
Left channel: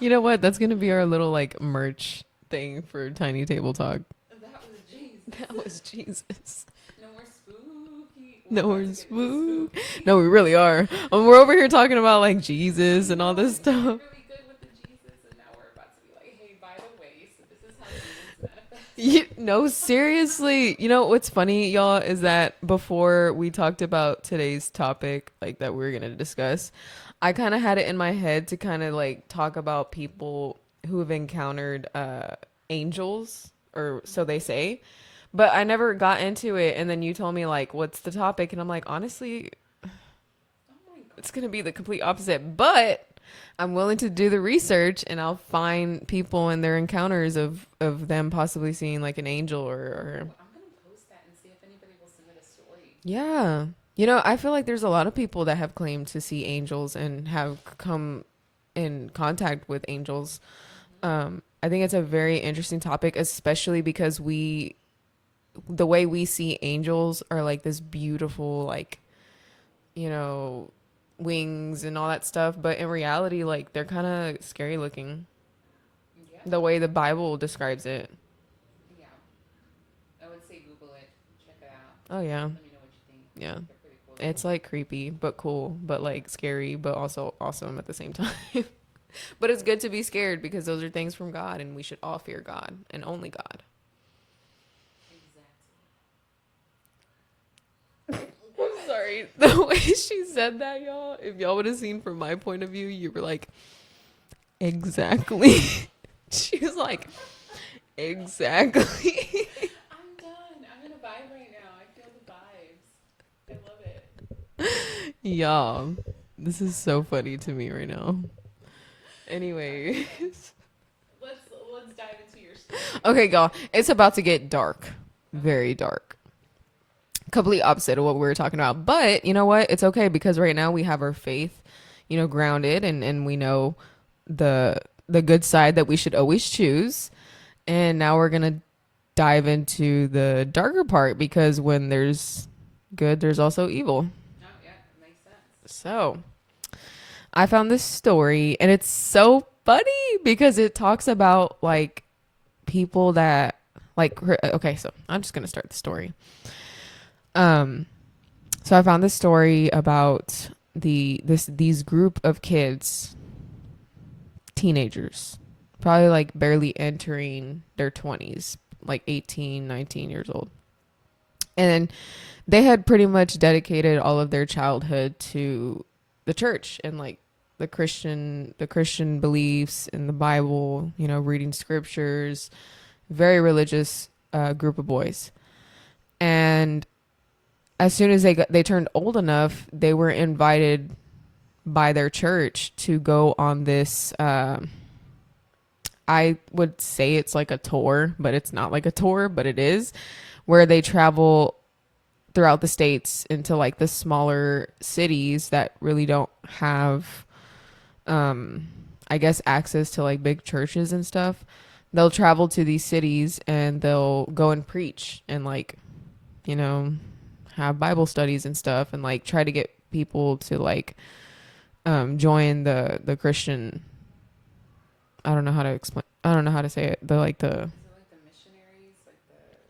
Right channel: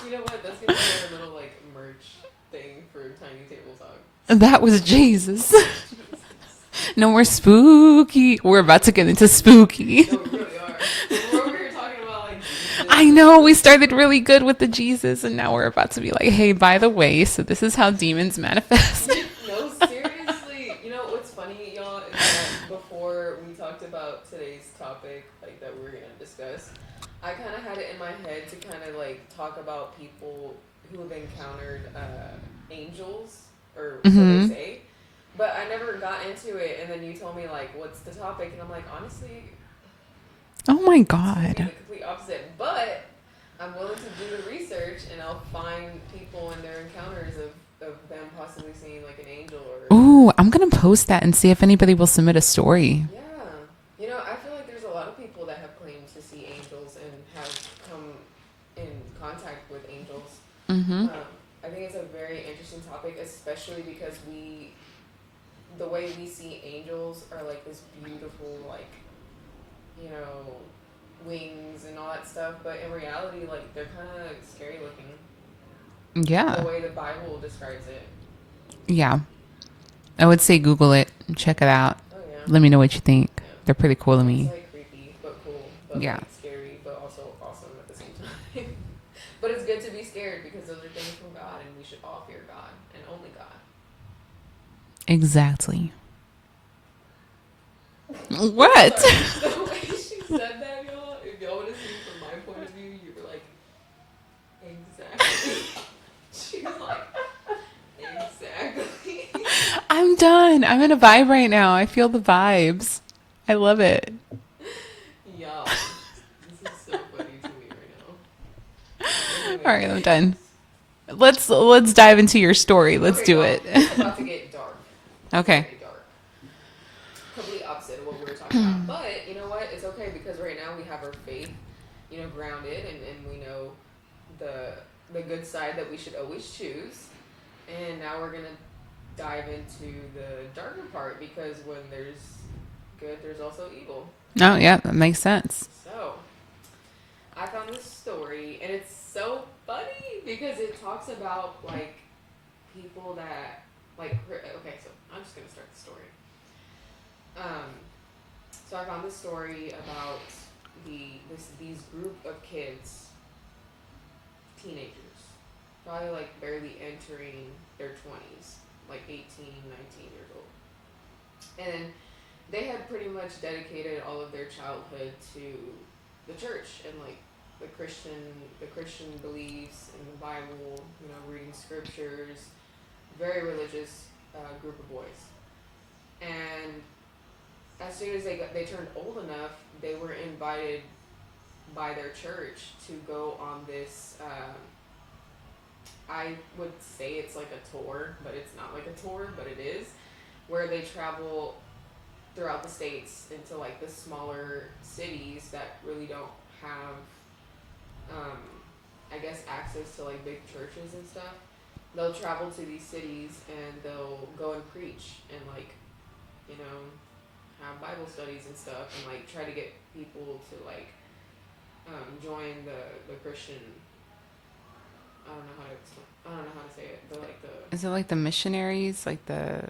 You know what? That's gonna be our little like merch thing for Tiny Table Talk. That was Jesus. Jesus. No more spooky. We're about to get into spooky. No, we really are. When we're over here talking about like Jesus. I and know. all We this started stuff. really good with the Jesus, and now we're about to be like, hey, by the way, so this is how demons manifest. No, seriously. You know what's funny, y'all, is that before we talked about today's topic, like that we're gonna discuss, I kind of had it in my head to kind of like talk about people who have encountered angels, or so they say. But I never got into it, and then you told me like, "What's the topic?" And I'm like, honestly, Oh my it's God. gonna be the complete opposite. But I'm willing to do the research, and I'll find people and their encounters of them possibly seeing like an angel or. Ooh, I'm going to post that and see if anybody will submit a story. Yeah, you know, I feel like there's a lot of people that have claimed to see angels and have come in contact with angels. I think it's a very interesting topic, especially because the way we see angels are like this beautiful, like, you know, wings and all that stuff, but in reality, like, they're kind of scary looking. Yeah. The way the Bible describes it. Yeah. I would say Google it, check it out. Oh yeah. Let me know what you think. Yeah. They're pretty cool to me. It's like creepy but cool, but Yeah. like scary but also awesome at the same time. But it's good to be scared because those are things from God, and we should all fear God and only God. Exactly. What? The way she said that, y'all, if y'all would have seen from my point of view, you were like, exactly. She was like, exactly. I'm done. I'm in a vibe right now. I feel the vibes. I love it. Y'all, this is so funny to me right now. Anyway, All right, I'm done. Let's dive into your story. Let's okay, do y'all, it. it's about to get dark. Okay. Very dark. Completely opposite of what we were talking about. But you know what? It's okay because right now we have our faith, grounded, and we know the good side that we should always choose. And now we're gonna dive into the darker part because when there's good, there's also evil. Oh, yeah, that makes sense. So I found this story and it's so funny because it talks about like people that okay, so I'm just gonna start the story. So I found this story about these group of kids, teenagers, probably like barely entering their 20s, like 18, 19 years old. And they had pretty much dedicated all of their childhood to the church and like the Christian beliefs in the Bible, reading scriptures, very religious group of boys. And as soon as they turned old enough, they were invited by their church to go on this I would say it's like a tour, but it's not like a tour, but it is, where they travel throughout the states into like the smaller cities that really don't have I guess access to like big churches and stuff. They'll travel to these cities and they'll go and preach and like, have Bible studies and stuff and like try to get people to like join the Christian. I don't know how to explain. I don't know how to say it. Is it like the missionaries, like the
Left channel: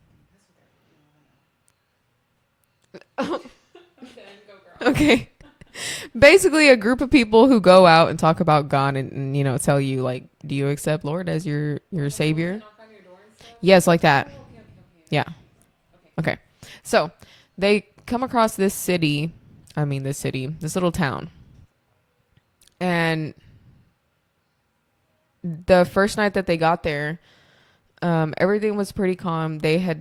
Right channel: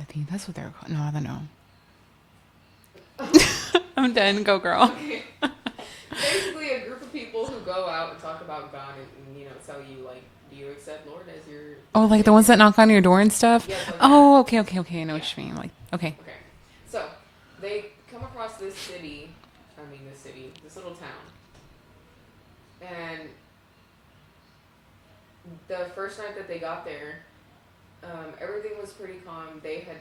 I think that's what they're called. No, I don't know. I'm done. Go, girl. Okay. Basically, a group of people who go out and talk about God and tell you like, do you accept Lord as your like Savior? the ones that knock on your door and stuff. Yes, like that. Oh, okay. I know what you mean. Like, okay. Okay. So they come across this little town. And the first night that they got there, everything was pretty calm. They had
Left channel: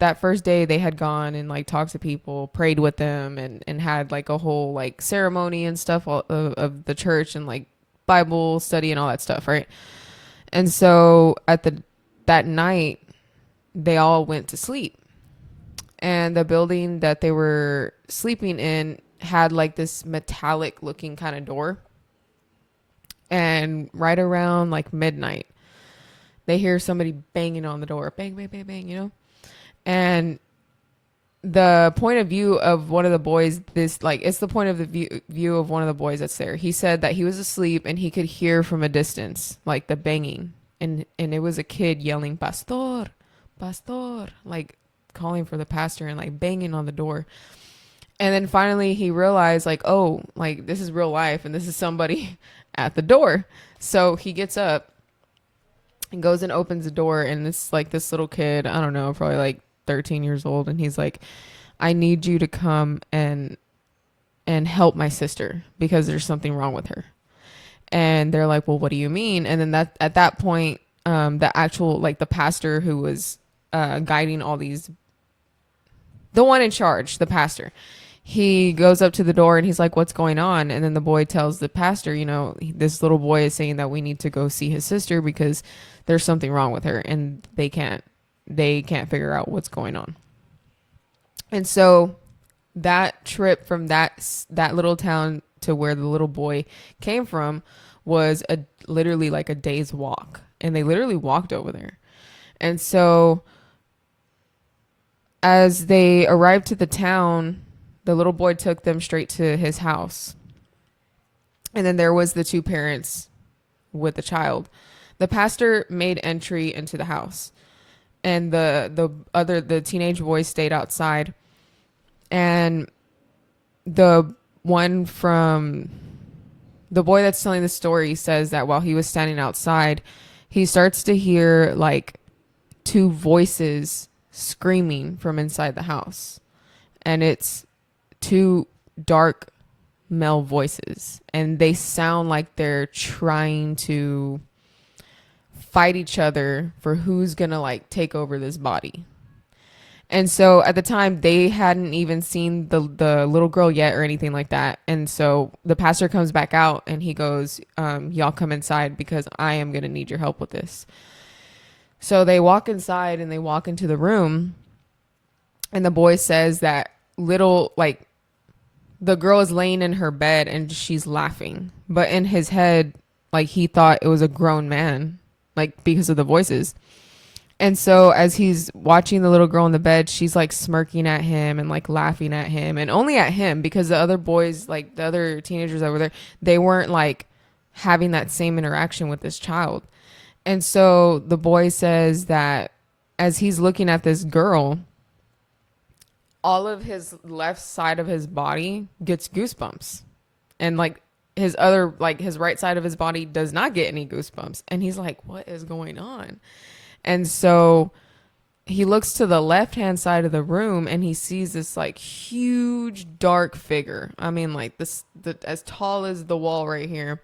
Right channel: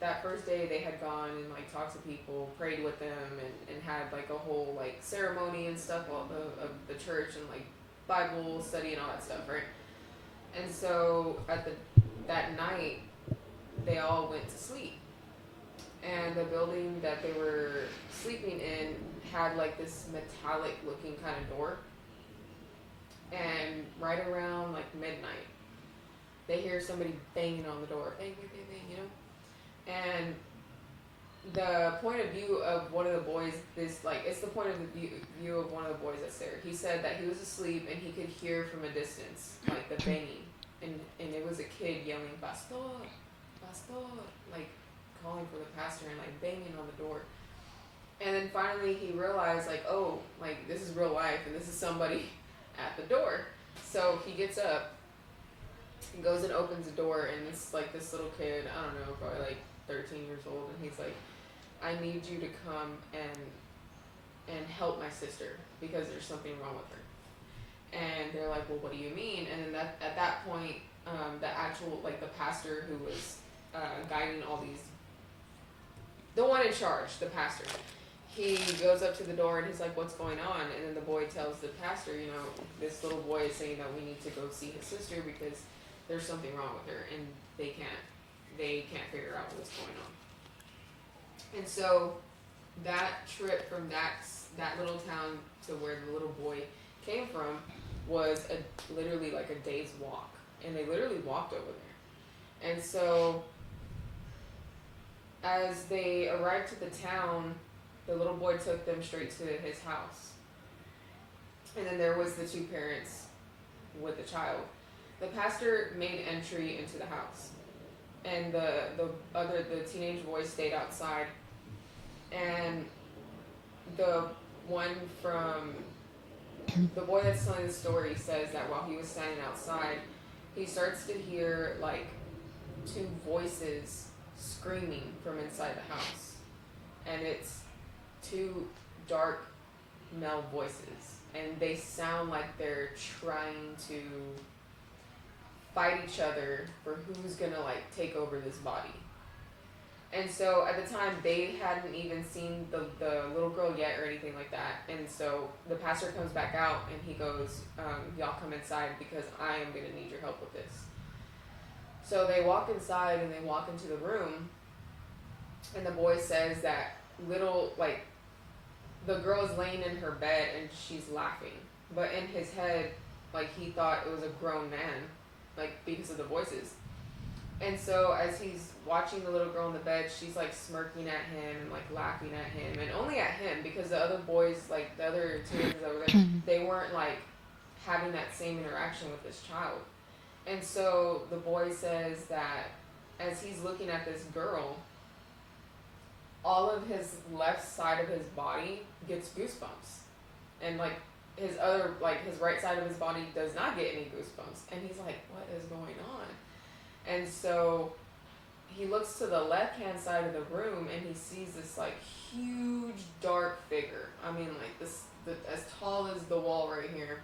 that first day they had gone and like talked to people, prayed with them and had like a whole like ceremony and stuff of the church and like Bible study and all that stuff. Right. And so that night they all went to sleep, and the building that they were sleeping in had like this metallic looking kind of door. And right around like midnight, they hear somebody banging on the door. Bang, bang, bang, bang, And the point of view of one of the boys, it's the point of the view of one of the boys that's there. He said that he was asleep and he could hear from a distance, like the banging. And it was a kid yelling, Pastor, Pastor, like calling for the pastor and like banging on the door. And then finally he realized like, oh, like this is real life and this is somebody at the door. So he gets up and goes and opens the door, and it's like this little kid, I don't know, probably like 13 years old, and he's like, I need you to come and help my sister because there's something wrong with her. And they're like, well, what do you mean? And then at that point, the actual like the pastor who was guiding all these, the one in charge, the pastor, he goes up to the door and he's like, what's going on? And then the boy tells the pastor, this little boy is saying that we need to go see his sister because there's something wrong with her and they can't figure out what's going on. And so that trip from that little town to where the little boy came from was literally like a day's walk. And they literally walked over there. And so as they arrived to the town, the little boy took them straight to his house. And then there was the two parents with the child. The pastor made entry into the house. And the teenage boys stayed outside. And the one from the boy that's telling the story says that while he was standing outside, he starts to hear like two voices screaming from inside the house. And it's two dark male voices. And they sound like they're trying to fight each other for who's going to like take over this body. And so at the time, they hadn't even seen the little girl yet or anything like that. And so the pastor comes back out and he goes, y'all come inside because I am going to need your help with this. So they walk inside and they walk into the room. And the boy says that the girl is laying in her bed and she's laughing. But in his head, like he thought it was a grown man, like because of the voices. And so as he's watching the little girl in the bed, she's like smirking at him and like laughing at him, and only at him, because the other boys, like the other teenagers over there, they weren't like having that same interaction with this child. And so the boy says that as he's looking at this girl, all of his left side of his body gets goosebumps. And like his right side of his body does not get any goosebumps. And he's like, what is going on? And so he looks to the left-hand side of the room and he sees this like huge dark figure. I mean, like as tall as the wall right here.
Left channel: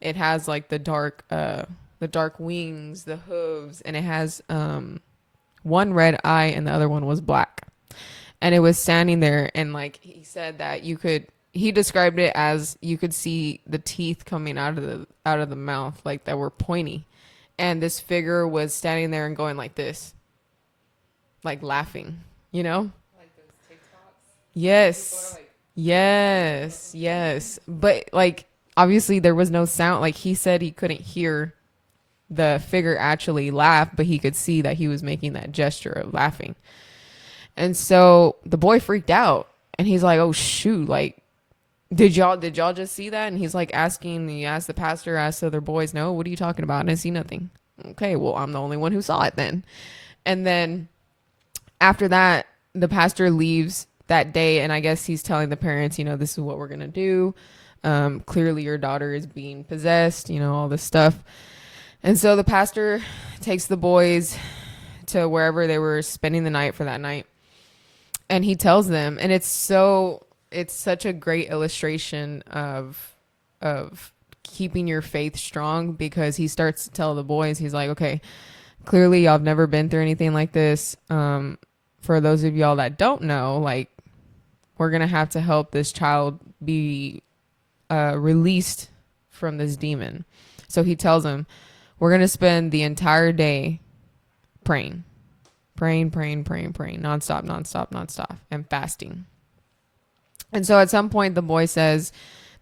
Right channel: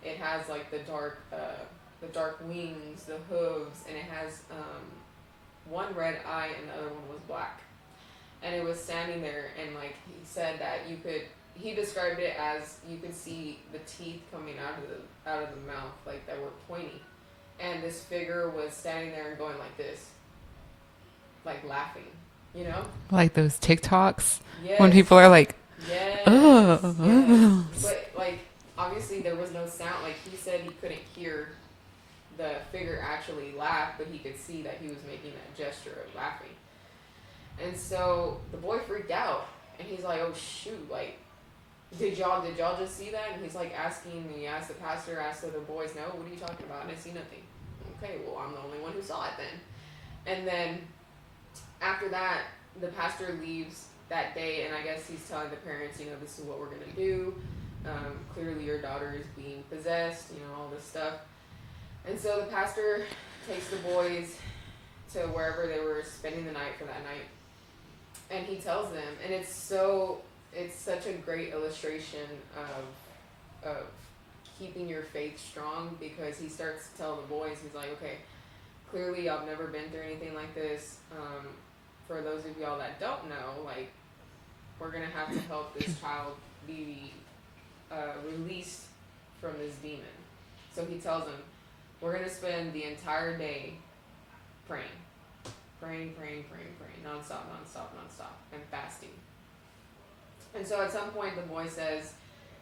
It has like the dark wings, the hooves, and it has one red eye and the other one was black. And it was standing there, and like he said that he described it as you could see the teeth coming out of the mouth, like that were pointy. And this figure was standing there and going like this, like laughing, you know? Like those TikToks? Yes. When people are like, yes, oh. yes. But like, obviously there was no sound. Like he said he couldn't hear the figure actually laugh, but he could see that he was making that gesture of laughing. And so the boy freaked out and he's like, oh shoot, like, Did y'all just see that? And he's like he asked the pastor, asked the other boys, no, what are you talking about? And I see nothing. Okay, well, I'm the only one who saw it then. And then after that, the pastor leaves that day, and I guess he's telling the parents, this is what we're going to do. Clearly your daughter is being possessed, all this stuff. And so the pastor takes the boys to wherever they were spending the night for that night. And he tells them, and it's such a great illustration of keeping your faith strong, because he starts to tell the boys, he's like, okay, clearly y'all have never been through anything like this. For those of y'all that don't know, like, we're going to have to help this child be released from this demon. So he tells them, we're going to spend the entire day praying, nonstop, and fasting. And so at some point, the boy says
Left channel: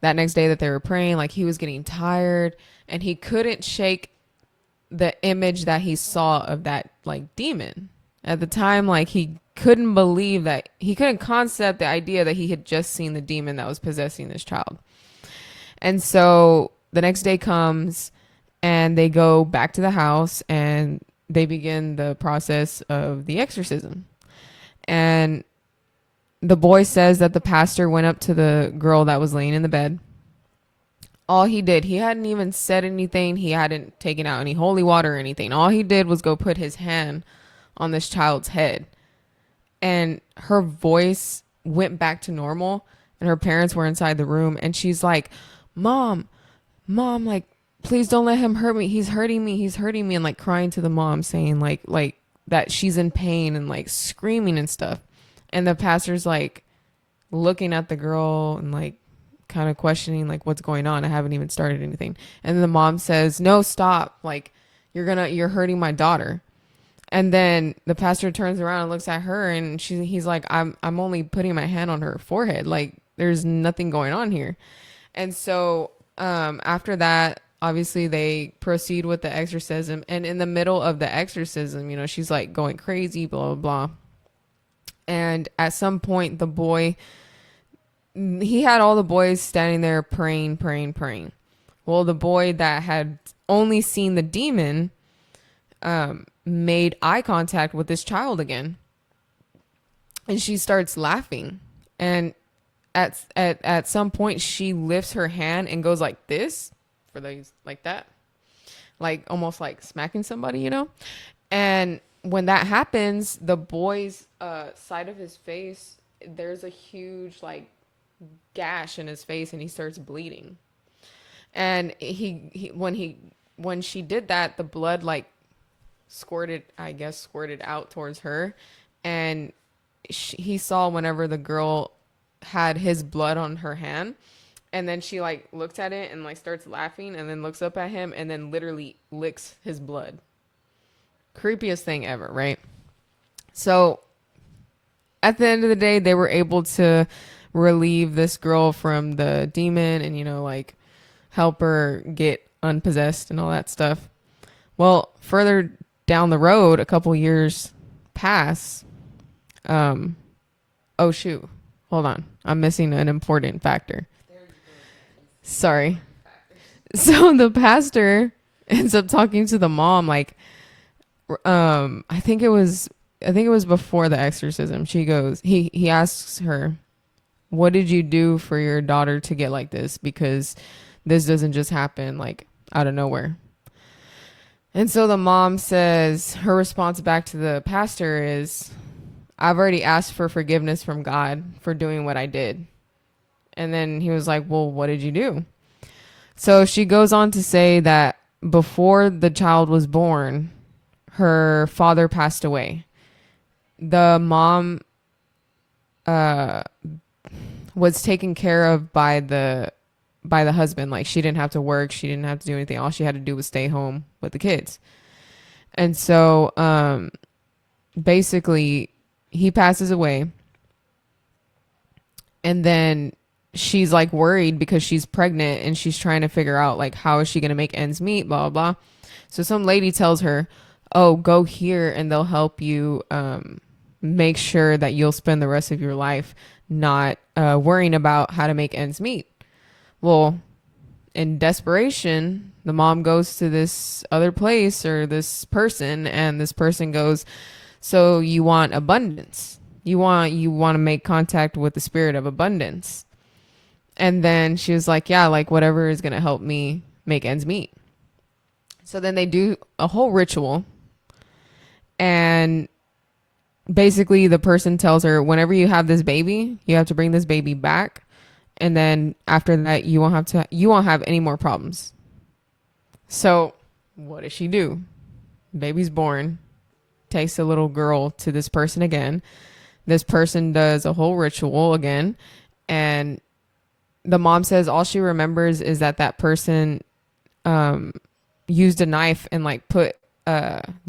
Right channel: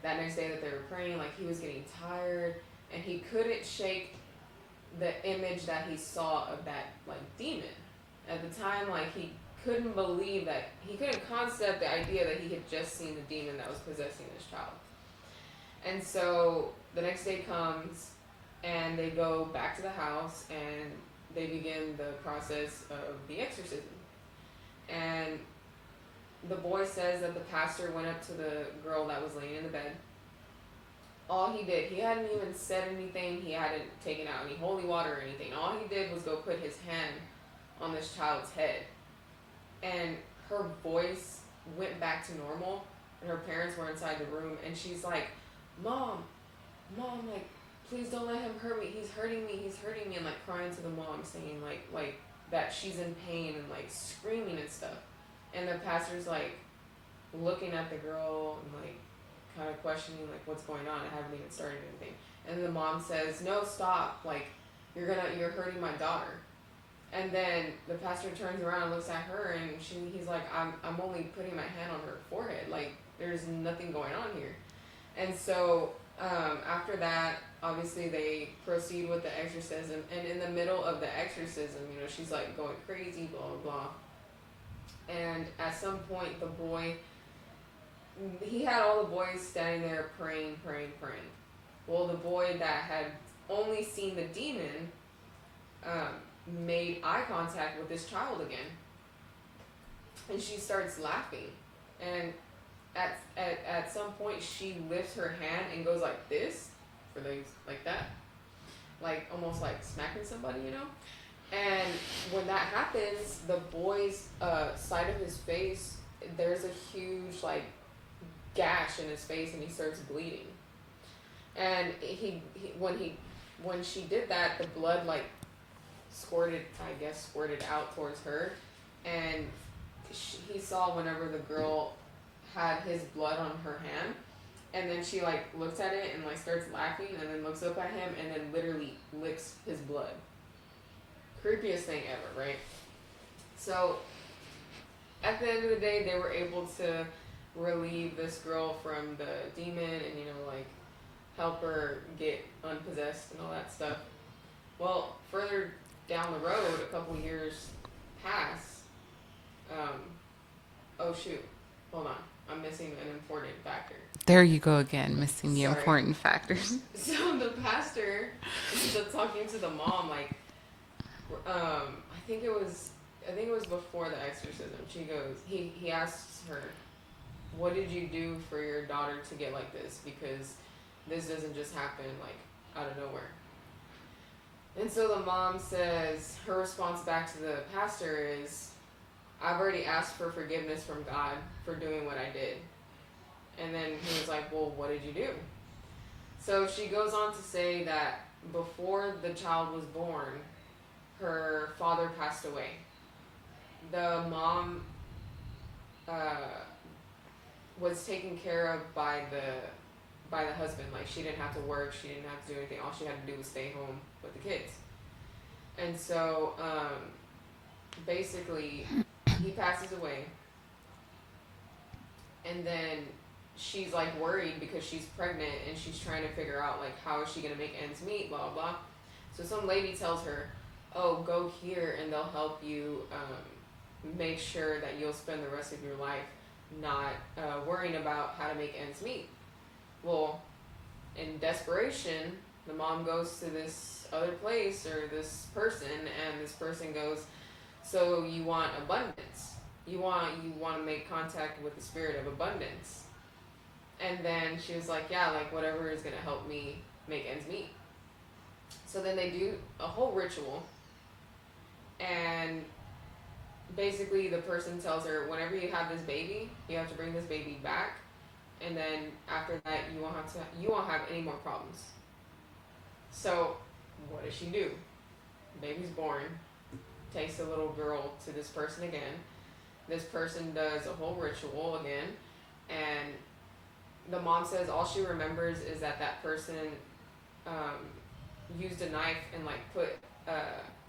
that next day that they were praying, like he was getting tired and he couldn't shake the image that he saw of that like demon. At the time, like he couldn't believe that, he couldn't concept the idea that he had just seen the demon that was possessing this child. And so the next day comes and they go back to the house and they begin the process of the exorcism. And the boy says that the pastor went up to the girl that was laying in the bed. All he did, he hadn't even said anything. He hadn't taken out any holy water or anything. All he did was go put his hand on this child's head. And her voice went back to normal. And her parents were inside the room. And she's like, Mom, like, please don't let him hurt me. He's hurting me. And like crying to the mom, saying like that she's in pain and like screaming and stuff. And the pastor's like looking at the girl and like kind of questioning like what's going on. I haven't even started anything. And then the mom says, no, stop. Like you're hurting my daughter. And then the pastor turns around and looks at her and he's like, I'm only putting my hand on her forehead. Like there's nothing going on here. And so after that, obviously they proceed with the exorcism. And in the middle of the exorcism, she's like going crazy, blah, blah, blah. And at some point, the boy, he had all the boys standing there praying. Well, the boy that had only seen the demon made eye contact with this child again. And she starts laughing. And at some point she lifts her hand and goes like this, for those like that, like almost like smacking somebody, you know. And when that happens, the boy's side of his face, there's a huge like gash in his face, and he starts bleeding. And when she did that, the blood like squirted out towards her, and he saw whenever the girl had his blood on her hand, and then she like looks at it and like starts laughing, and then looks up at him, and then literally licks his blood. Creepiest thing ever, right? So at the end of the day, they were able to relieve this girl from the demon, and like help her get unpossessed and all that stuff. Well, further down the road, a couple years pass. Oh shoot, hold on, I'm missing an important factor. There you go again, missing the Sorry. important factors. So the pastor ends up talking to the mom, like, I think it was before the exorcism. She goes, he asks her, what did you do for your daughter to get like this? Because this doesn't just happen like out of nowhere. And so the mom says, her response back to the pastor is, I've already asked for forgiveness from God for doing what I did. And then he was like, well, what did you do? So she goes on to say that before the child was born, her father passed away. The mom was taken care of by the husband. Like, she didn't have to work, she didn't have to do anything. All she had to do was stay home with the kids. And so basically he passes away, and then she's like worried because she's pregnant, and she's trying to figure out like how is she going to make ends meet, blah blah blah. So some lady tells her, oh, go here and they'll help you make sure that you'll spend the rest of your life not worrying about how to make ends meet. Well, in desperation, the mom goes to this other place or this person, and this person goes, so you want abundance. You want to make contact with the spirit of abundance. And then she was like, yeah, like whatever is going to help me make ends meet. So then they do a whole ritual, and basically the person tells her, whenever you have this baby, you have to bring this baby back. And then after that, you won't have any more problems. So what does she do? Baby's born, takes the little girl to this person again. This person does a whole ritual again. And the mom says all she remembers is that person used a knife and like put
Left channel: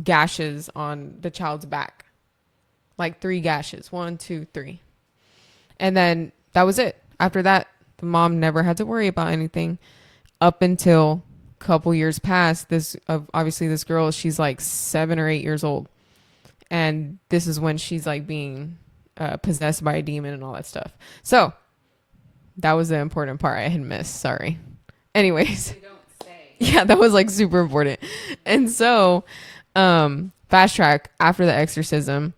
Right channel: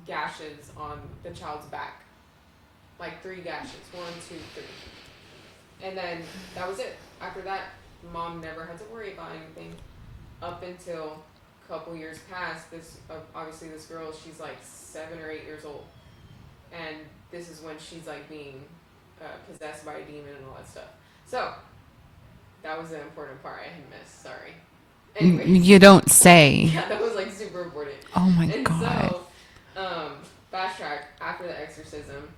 gashes on the child's back. Like 3 gashes. 1, 2, 3. And then that was it. After that, the mom never had to worry about anything up until a couple years past. Obviously this girl, she's like 7 or 8 years old. And this is when she's like being possessed by a demon and all that stuff. So that was the important part I had missed. Sorry. Anyways. You don't say. Yeah, that was like super important. Oh my God. And so, fast track, after the exorcism,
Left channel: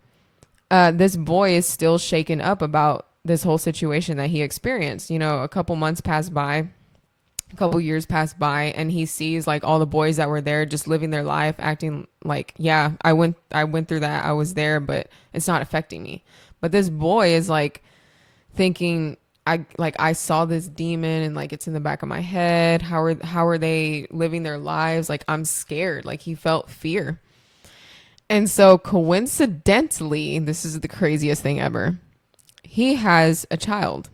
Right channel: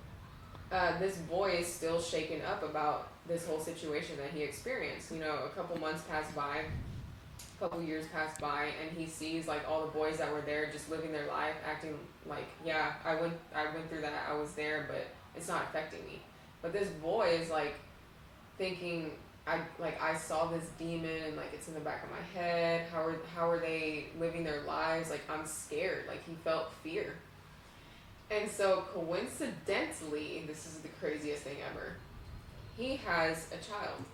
this boy is still shaken up about this whole situation that he experienced. A couple months passed by, a couple years passed by, and he sees like all the boys that were there just living their life, acting like, yeah, I went through that. I was there, but it's not affecting me. But this boy is like thinking, I saw this demon, and like it's in the back of my head. How are they living their lives? Like, I'm scared. Like, he felt fear. And so coincidentally, this is the craziest thing ever. He has a child.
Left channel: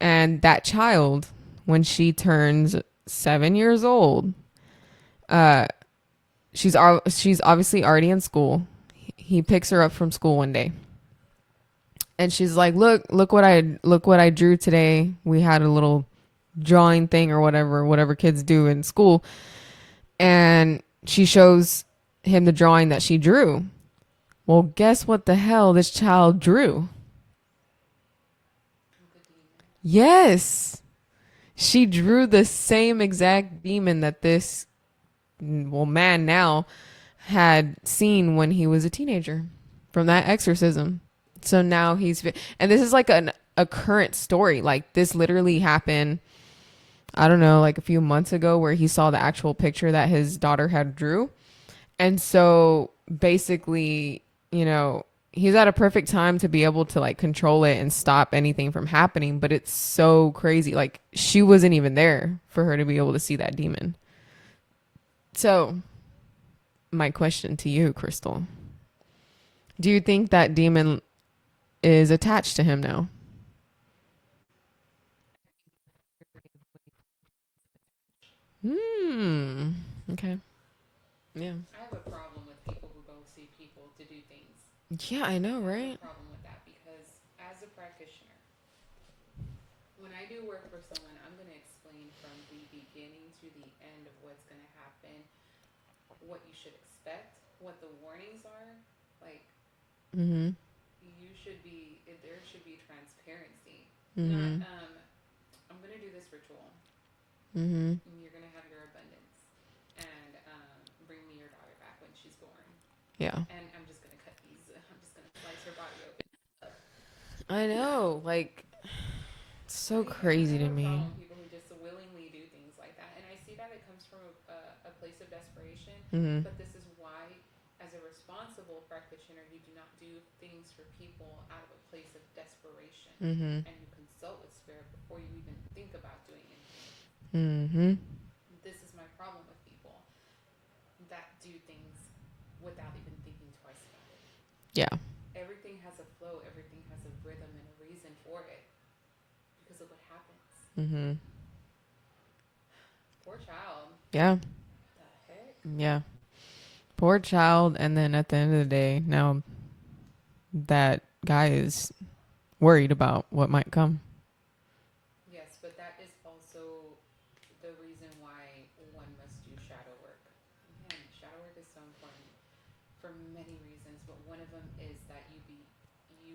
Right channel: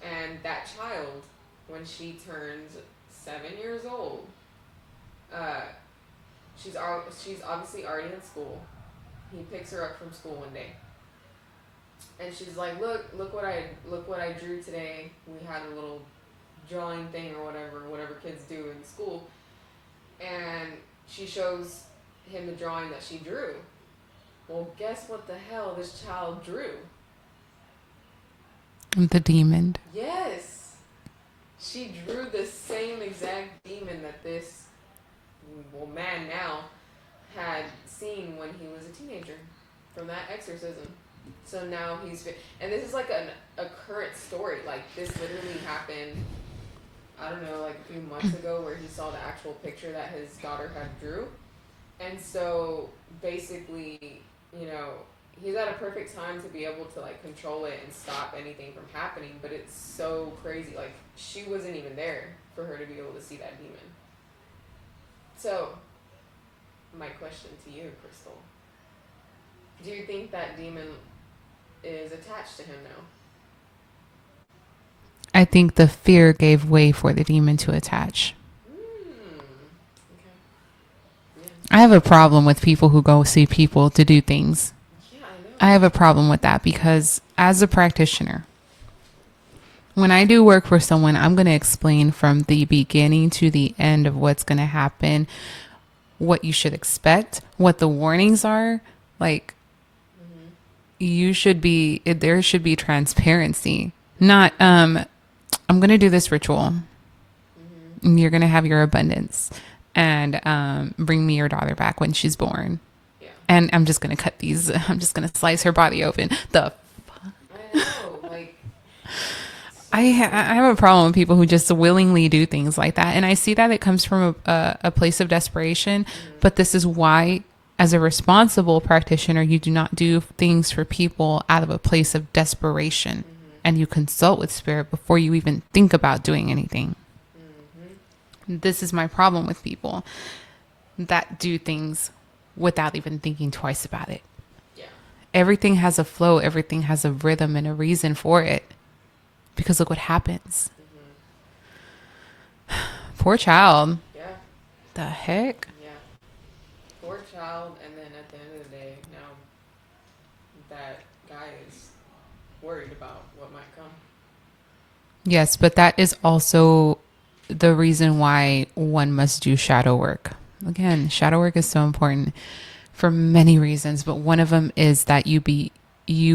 And that child, when she turns 7 years old, she's obviously already in school. He picks her up from school one day. And she's like, look what I drew today. We had a little drawing thing or whatever kids do in school. And she shows him the drawing that she drew. Well, guess what the hell this child drew? The demon. Yes. She drew the same exact demon that this man now had seen when he was a teenager from that exorcism. So now and this is like a current story. Like this literally happened, I don't know, like a few months ago, where he saw the actual picture that his daughter had drew. And so basically, you know, he's at a perfect time to be able to like control it and stop anything from happening. But it's so crazy. Like she wasn't even there for her to be able to see that demon. So my question to you, Crystal, do you think that demon is attached to him now? I think the fear gave way for the demon to attach. Okay. Yeah. I have a problem with people who go see people to do things. Yeah, I know. I have a problem with that because as a practitioner, when I do work for someone, I'm going to explain from the beginning to the end of what's going to happen, what you should expect, what the warnings are. Like, there should be transparency. Not, I'm going to do this ritual. And you're going to have your abundance and bring me your daughter back when she's born. Yeah. And I'm just going to cut these. I'm just going to slice her body open. I know. Like, so I have a problem with people who just willingly do things like that. And I see that it comes from a place of desperation. But this is why, as a responsible practitioner, you do not do things for people out of a place of desperation. And you consult with spirit before you even think about doing anything. This is my problem with people that do things without even thinking twice about it. Yeah. Everything has a flow. Everything has a rhythm and a reason for it. Because look what happens. Poor child. Yeah. The heck? Yeah. Poor child. And then at the end of the day, now that guy is worried about what might come. Yes, but that is also the reason why one must do shadow work. Again, shadow work is so important for many reasons, but one of them is that you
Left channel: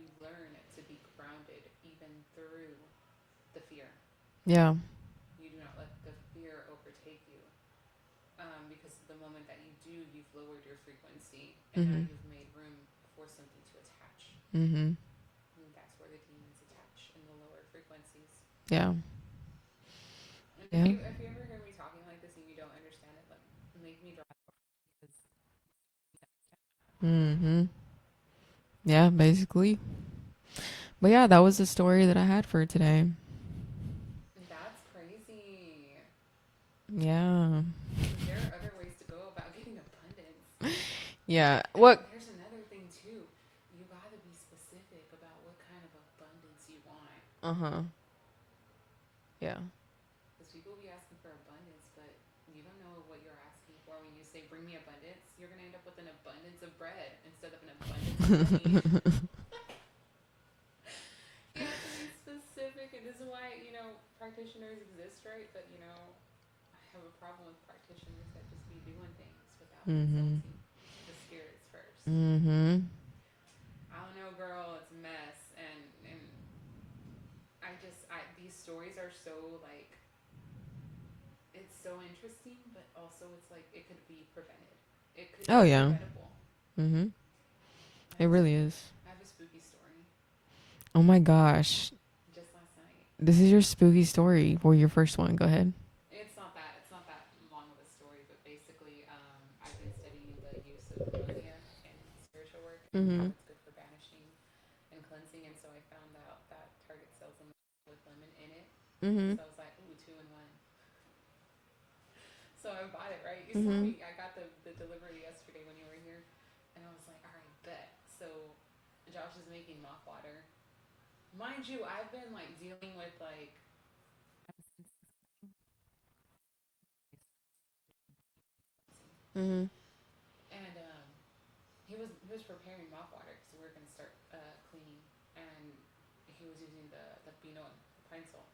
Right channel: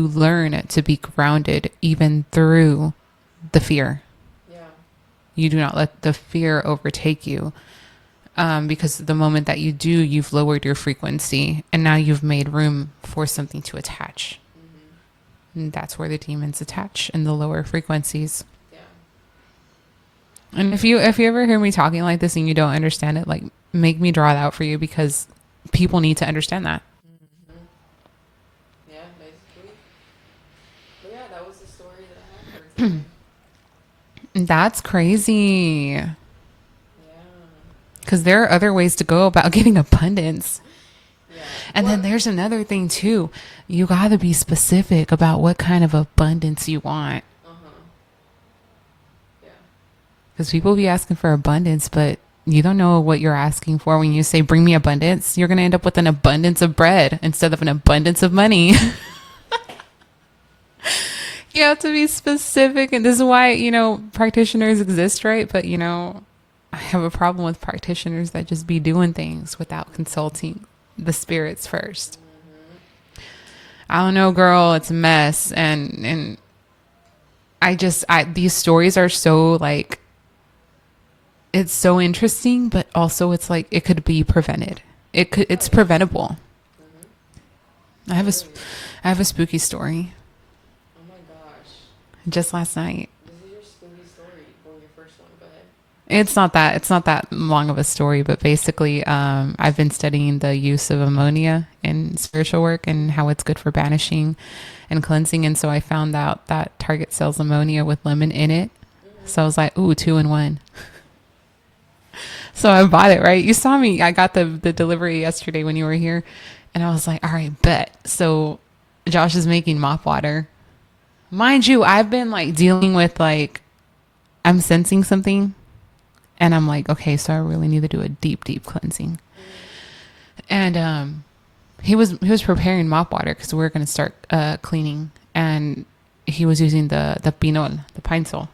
learn to be grounded even through the fear. Yeah. You do not let the fear overtake you. Because the moment that you do, you've lowered your frequency and now you've made room for something to attach. And that's where the demons attach, in the lower frequencies. Yeah. And if you ever hear me talking like this and you don't understand it, like, make me draw it out for you, because people need to understand that. Yeah, basically. But yeah, that was the story that I had for today. That's crazy. Yeah. Because there are other ways to go about getting abundance. Yeah. And then there's another thing too. You got to be specific about what kind of abundance you want. Yeah. Because people be asking for abundance, but you don't know what you're asking for. When you say, bring me abundance, you're going to end up with an abundance of bread instead of an abundance of money. You have to be specific. And this is why, practitioners exist, right? But, I have a problem with practitioners that just be doing things without consulting the spirits first. I don't know, girl. It's a mess. And these stories are so like, it's so interesting, but also it's like, it could be prevented. It's preventable. I have a spooky story. Oh my gosh. Just last night. This is your spooky story, or your first one. Go ahead. It's not that long of a story, but basically, I've been studying the use of ammonia in spiritual work and how it's good for banishing and cleansing. And so I found out that Target sells ammonia with lemon in it. So I was like, ooh, 2 in 1. So I bought it, right? You saw me. I got the delivery yesterday when you were here, and I was like, all right, bet. So Josh is making mop water. Mind you, I've been like dealing with like, I'm sensing something. And I'm like, okay, so I really need to do a deep, deep cleansing. And he was preparing mop water because we were going to start cleaning. And he was using the pinol, the pine sol.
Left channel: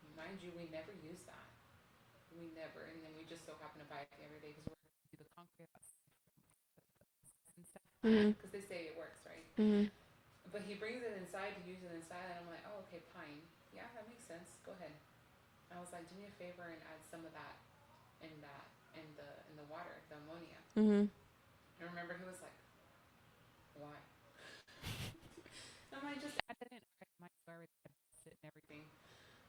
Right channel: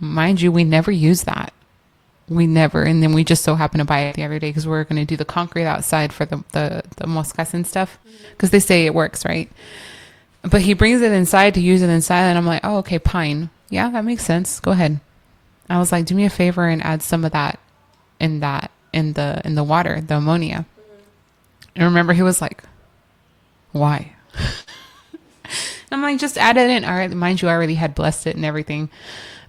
Mind you, we never use that. We never. And then we just so happened to buy it the other day because we were going to do the concrete outside for the moscas and stuff. Because they say it works, right? But he brings it inside to use it inside. And I'm like, oh, okay, pine. Yeah, that makes sense. Go ahead. I was like, do me a favor and add some of that in the water, the ammonia. And remember, he was like, why? I'm like, just add it in. All right, mind you, I already had blessed it and everything.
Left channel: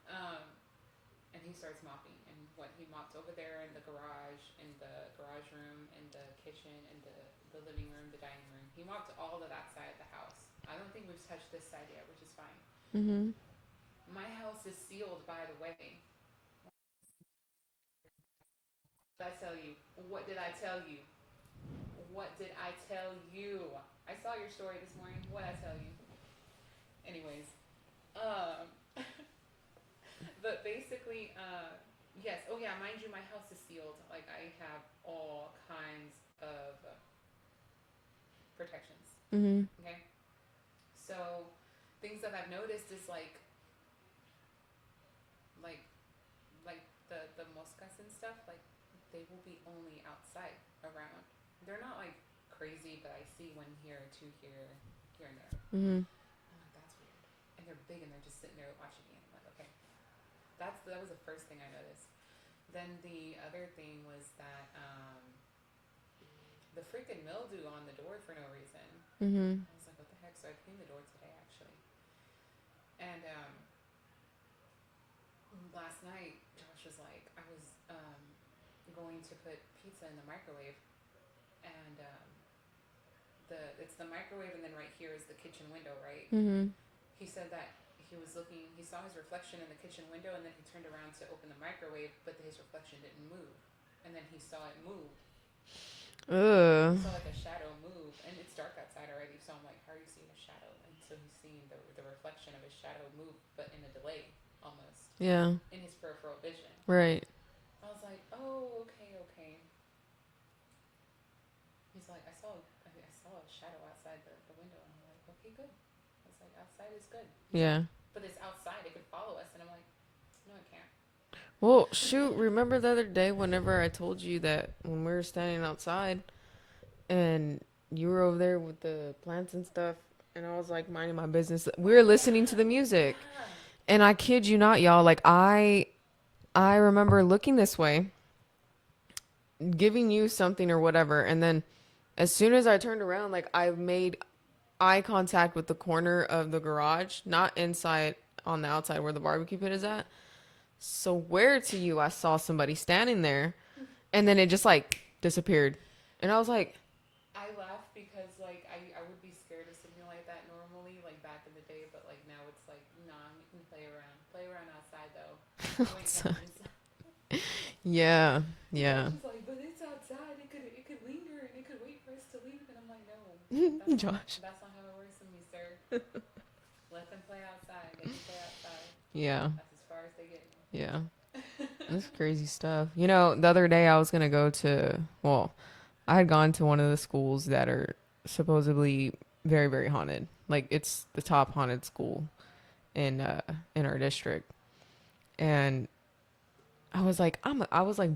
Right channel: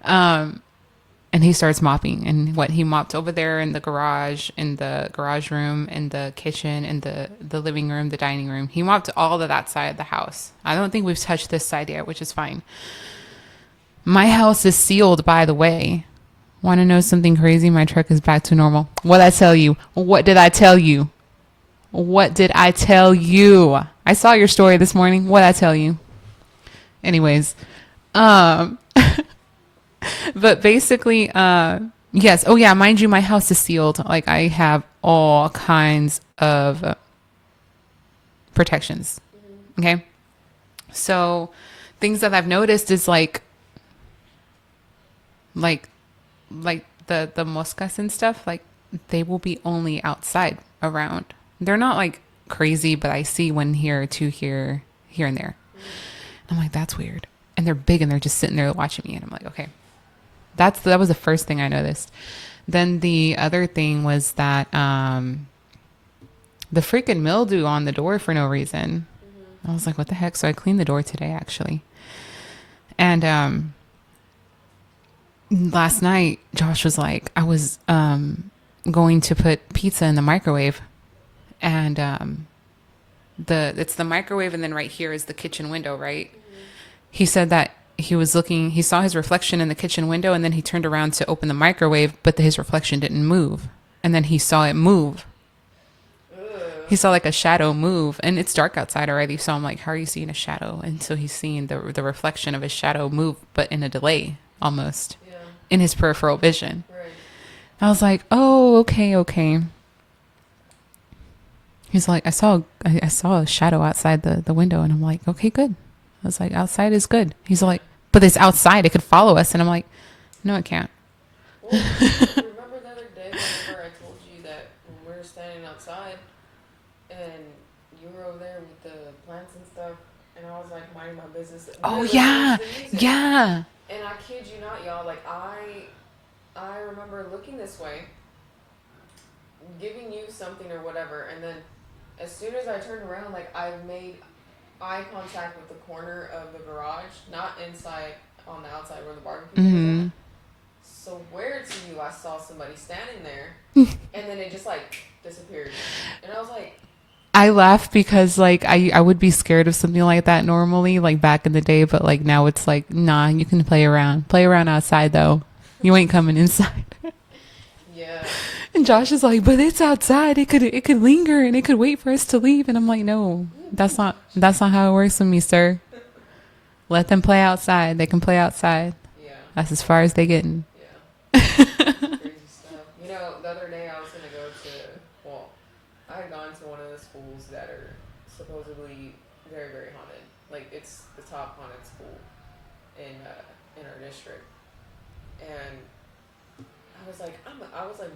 And he starts mopping, and he mopped over there in the garage room, in the kitchen, in the living room, the dining room. He mopped all of that side of the house. I don't think we've touched this side yet, which is fine. Mm-hmm. My house is sealed, by the way. Want to know something crazy? My truck is back to normal. What I tell you? What did I tell you? What did I tell you? I saw your story this morning. What I tell you? Anyways, but basically, yes. Oh yeah, mind you, my house is sealed. Like I have all kinds of protections. Mm-hmm. Okay. So things that I've noticed is like the moscas and stuff, like they will be only outside around. They're not like crazy, but I see one here, two here and there. Mm-hmm. I'm like, that's weird. And they're big and they're just sitting there watching me. And I'm like, okay. That was the first thing I noticed. Then the other thing was that the freaking mildew on the door for no reason. Mm-hmm. I was like, what the heck? So I cleaned the door today, actually. And last night, Josh was like, I was going to put pizza in the microwave. And it's the microwave, and then right here is the kitchen window, right? Mm-hmm. He said that he saw his reflection in the kitchen window, and then he turned around to open the microwave, but his reflection didn't move. And then he saw it move. Ugh. He saw like a shadow move, and it's dark outside already. So I'm like, how are you seeing a shadow? And so he's seeing the reflection of his shadow move, but in a delay almost. Yeah. In his peripheral vision. Right. I was like, oh, okay. He's like, I saw a shadow outside the window, and I'm like, okay, good. I was like, outside is good. He's like, but it's outside. It could follow us. And I'm like, no, it can't. Well, shoot, remember the other day whenever I told you that when we were standing outside and you were over there with the plants and stuff, and I was like minding my business. We were listening to the music. Yeah. And I kid you not, y'all, like I remember looking this way, giving you something or whatever, and then as soon as I turned around, like I made eye contact with the corner of the garage, not inside, on the outside where the barbecue pit is at. So where to you, I saw somebody standing there, and then it just like disappeared, and I was like, I laugh because like I would be scared of something like that normally, like back in the day, but like now it's like, nah, you can play around outside though. You ain't coming inside. Yeah. And Josh is like, but it's outside. It could linger and it could wait for us to leave. And I'm like, no, that's not how it works with me, sir. Let them play outside. They can play outside. Yeah. That's as far as they getting. Yeah. That's crazy stuff. You know, the other day I was going to go to, I had gone to one of the schools that are supposedly very, very haunted. Like it's the top haunted school in our district. And I was like,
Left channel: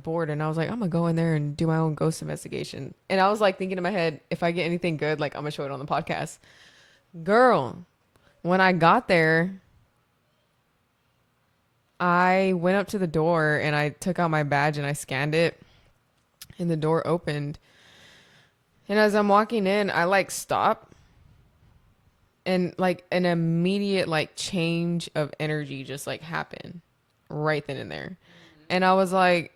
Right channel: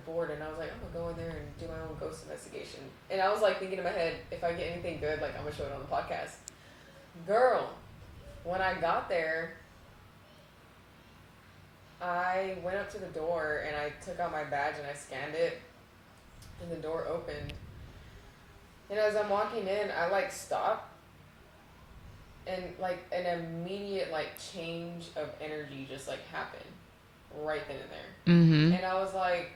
bored, and I was like, I'm gonna go in there and do my own ghost investigation. And I was like thinking in my head, if I get anything good, like I'm gonna show it on the podcast. Girl, when I got there, I went up to the door and I took out my badge and I scanned it, and the door opened. And as I'm walking in, I like stopped, and like an immediate like change of energy just like happened. Right then and there. Mm-hmm. And I was like,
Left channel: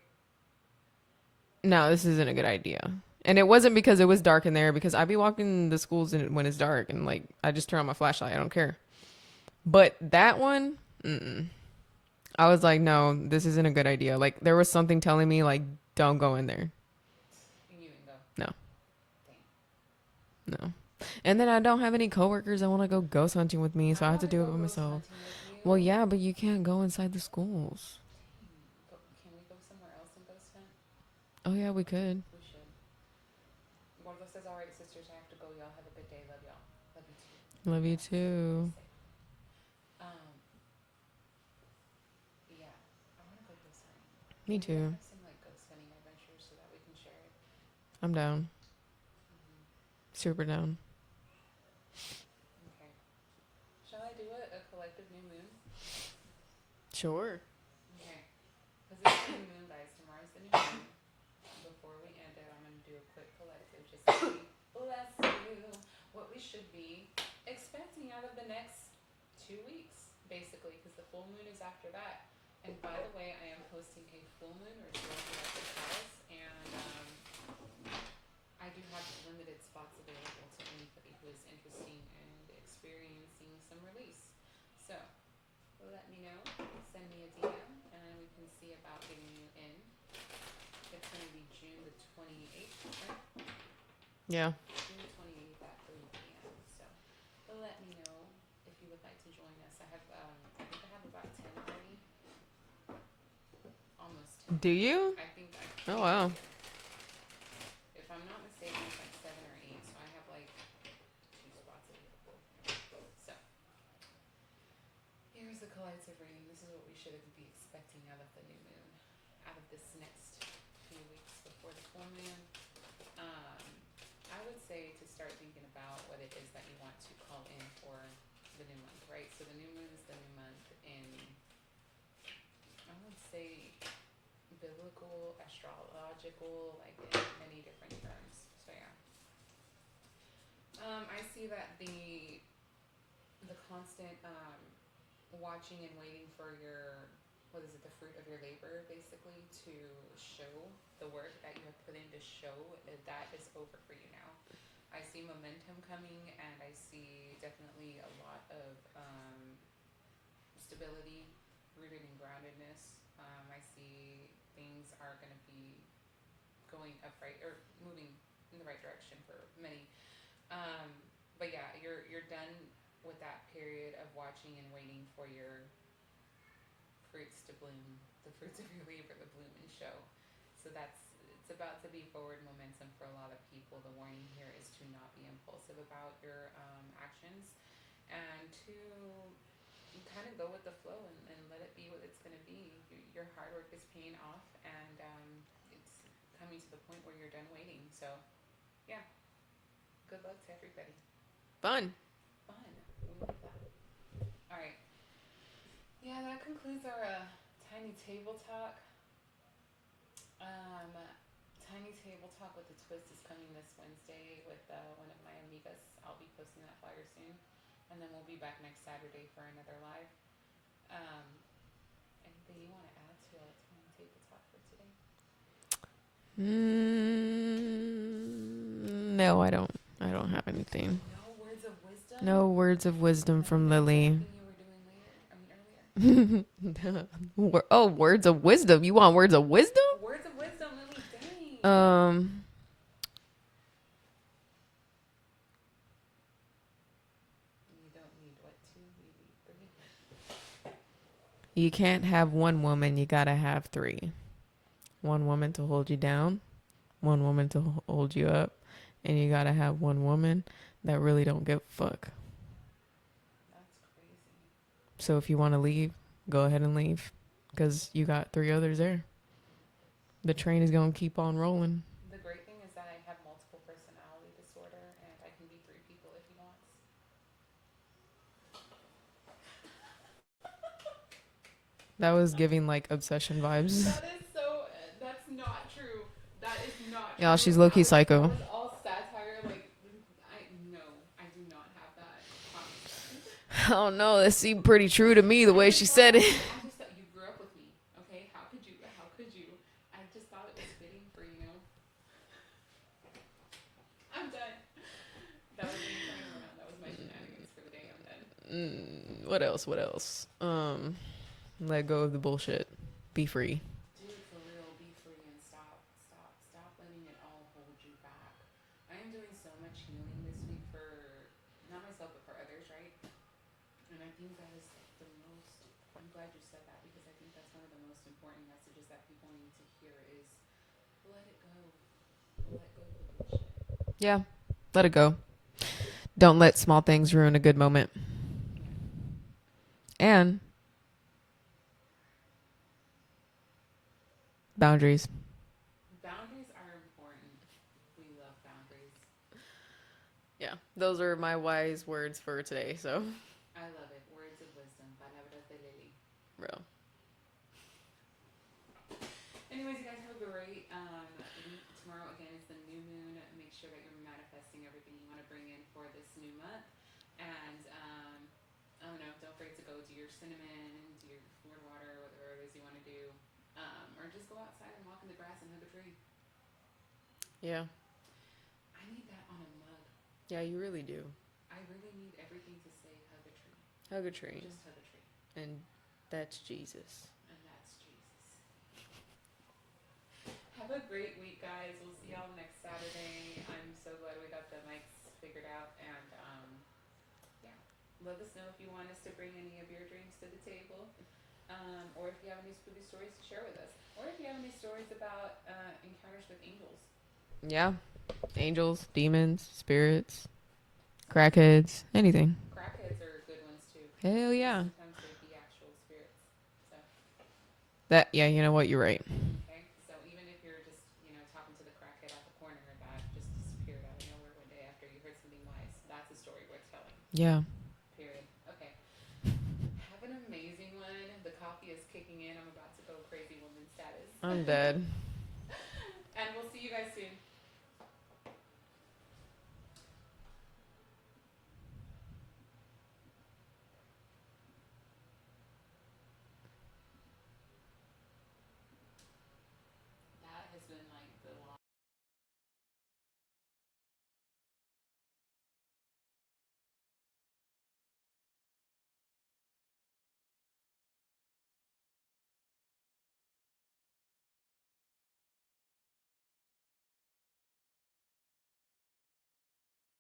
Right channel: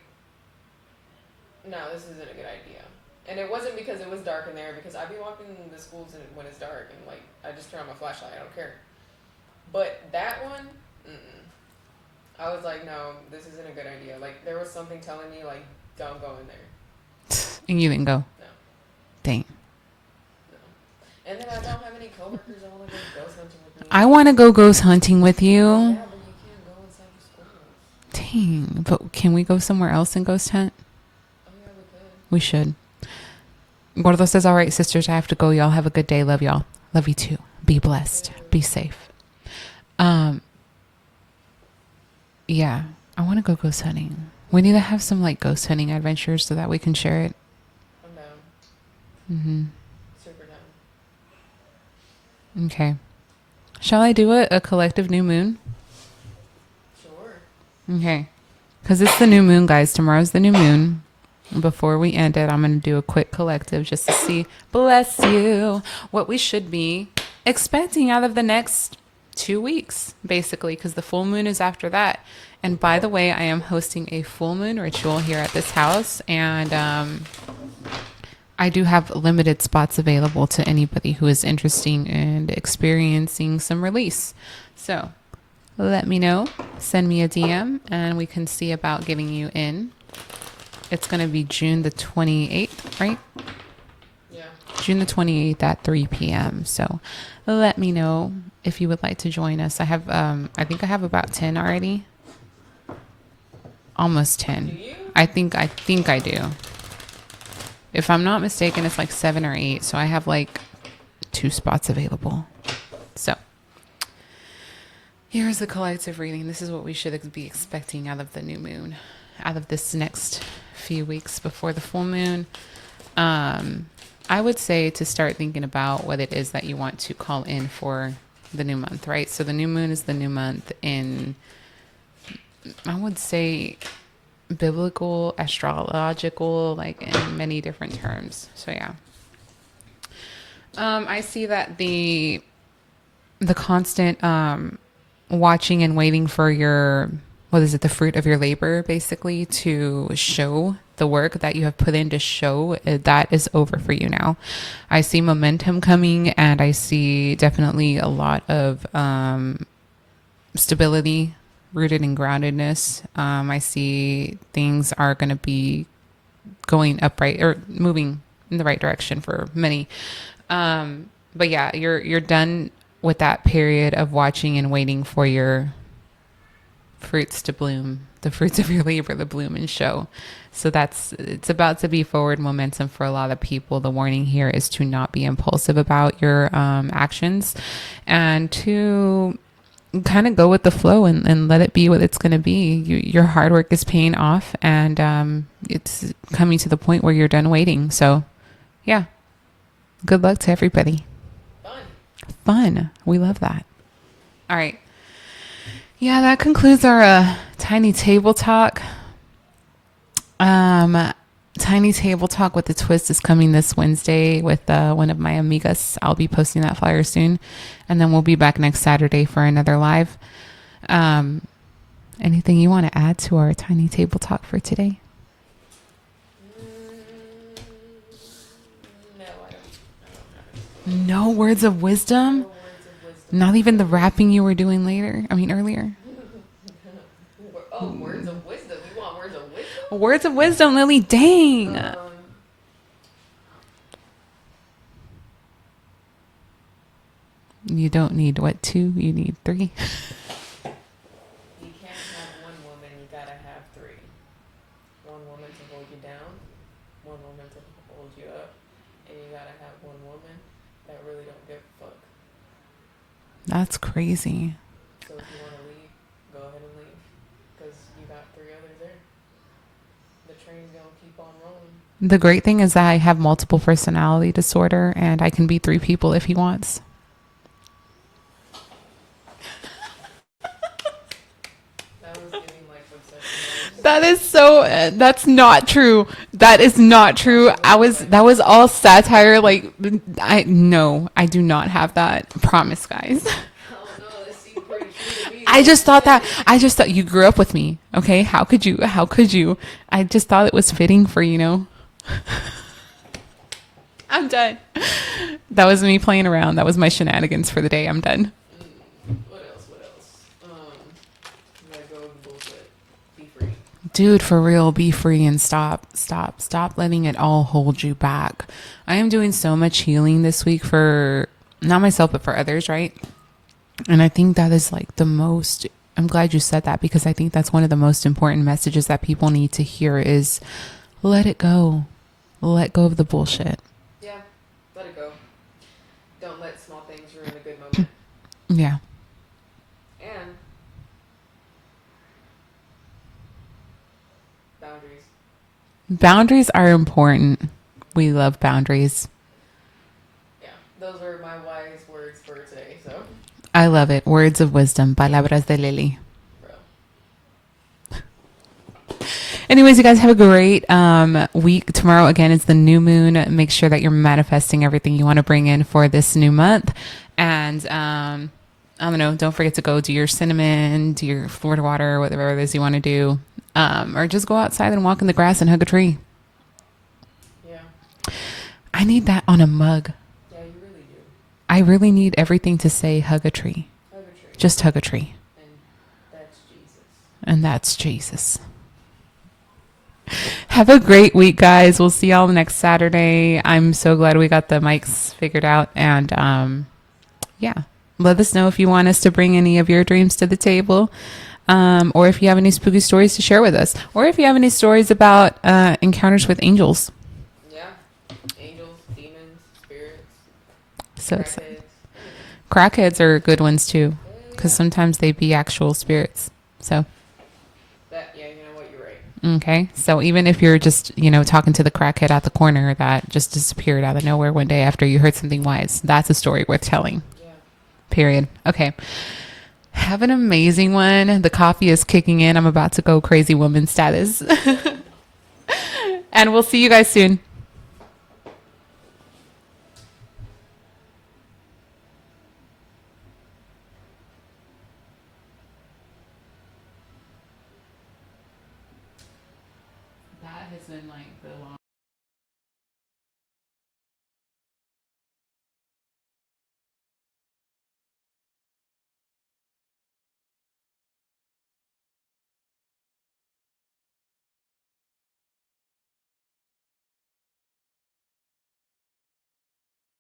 no, this isn't a good idea. And it wasn't because it was dark in there, because I be walking the schools when it's dark, and like I just turn on my flashlight. I don't care. But that one, I was like, no, this isn't a good idea. Like there was something telling me like, don't go in there. And you didn't go? No. Dang. No. And then I don't have any coworkers that want to go ghost hunting with me. I want to go ghost hunting with you. Well, yeah, but you can't go inside the schools. Dang. But can we go somewhere else and ghost hunt? Oh, yeah, we could. We should. Gordo says, all right, sisters, I have to go. Y'all have a good day. Love y'all. Love you too. Be blessed. Be safe. Yeah, I want to go ghost hunting. We need to have some like ghost hunting adventures so that we can share it. I'm down. Super down. Okay. Shall I do a collective new moon? Sure. Okay. Because it's the new moon, guys. Tomorrow's the new moon. Before we end it, I'm going to do a quick collective just to see, bless you, what we should be expecting out of the next 2 weeks, basically, because the full moon is after that. And by the way, I am hosting a full moon ritual here at this house, and I do have limited spots available to anybody who is interested in experiencing some release. So let me know, send me a DM, and we can see about getting you in. It's going to be June the 28th, right? Yeah. June the 28th at 3 p.m. So let me know if you would like to join us. I have, I think I have about 10 already. Almost 10. Do you? I think I Wow. do. If I'm not mistaken, it's like 7 or 8. So I have like 2 spots available. So here's the collective reading. This is what we should be expecting out of the new moon, out of this next few weeks before the full moon. I would say to start thinking about what it is that you want to call in for the new month, right? So the new moon is the new month in, I would say, biblical, astrological, like in many different terms. So yeah. I see that the constant watching and waiting for your, what is it, the fruit of your labor, basically, to show the work that you have put in to show, that is over for you now. I see momentum coming, and I see definitely a lot of stability rooted in groundedness. I see things are going to be going upright or moving in the right direction for many. But yeah, you're done with that period of watching and waiting for your fruits to bloom, the fruits of your labor to bloom and show. So it's about to be forward momentum for a lot of people. The warning here is to not be impulsive about your actions, and to kind of go with the flow and let it be what it's going to be. Your hard work is paying off, and it's coming to the point where you're done waiting. So yeah, good luck to everybody. Fun. We love that. All right. Yeah, that concludes our tiny table talk. Tiny table talk with the twist is coming this Wednesday with one of my amigas. I'll be posting that flyer soon, and then we'll be back next Saturday for another live. Anything you want to add to our tiny table talk for today? No, I don't have anything. No words of wisdom? No words of wisdom. Not even Lily. the rapping you were doing earlier? Words of wisdom. You want words of wisdom? Words of wisdom, Lily. Dang. You don't need what, 2? You need 3. You can't have one woman. You gotta have 3. One woman to hold you down, one woman to hold you up, and you gotta have one woman that really don't give a fuck. That's crazy. So if you want to leave, go ahead and leave, because you got 3 others there. The train is gonna keep on rolling. The great thing is that I have multiple personality disorder, and I can be 3 people if he wants. That was giving like obsession vibes. That is so. That's not true. That is not true. That was all satire. Like, I do not have that. Promise, guys. Oh no, that seemed pretty true to me. I just thought you grew up with me. Okay, how could you? I just thought it was fitting for I'm done. That was me playing around. That was my shenanigans for the day. I'm done. What else? Let go of the bullshit. Be free. Dude, for real, be free and stop letting it all hold you back. I am doing so much healing this week for not myself, but for others, right? And I think that is like I'm glad you said that, because I think that's one of the most important messages that people need to hear is let it go. Let go of the bullshit. Yeah. Let it go. Don't let small things ruin a good moment. Yeah. And boundaries. Boundaries are important. We love boundaries. Yeah, those are my wise words for today. So I love it. Words of wisdom. Palabras de Lily. Bro. Anyways, you guys have a great week. Tomorrow, again, is the new moon. Make sure that you're manifesting everything you want to bring in for this new month. And I don't know, don't forget to go do your cinnamon, do your Florida water, whatever it is you want to do. Or just go outside and walk in the grass and hug a tree. Yeah. I need that on a mug. Yeah, you really do. I really need everything to say hug a tree. Hug a tree. Just hug a tree. And that's Jesus. And that's Jesus. Have a great week, guys. We'll see y'all next Saturday. I'm so glad we got the mics figured out. And yeah, let us know if you want us to bring any of your dreams to the table. Or if you have any spooky stories to share with us. Or if you have any stories about encounters with angels. Yeah. Angels, demons, spirits, So crackheads, anything. crackheads are good ones too. Hell yeah. Because sometimes they be actual spirits. So, Yeah, you know what? You're right. okay. So even if you're just, talking to the crackhead at the corner that just disappeared out of nowhere one day after you heard something wise, that's a story worth telling. Yeah. Period. Okay. Have an amazing one. The coffee is kicking in. I'm about to go crazy woman status. Good. And we'll see you guys soon. That has been like the long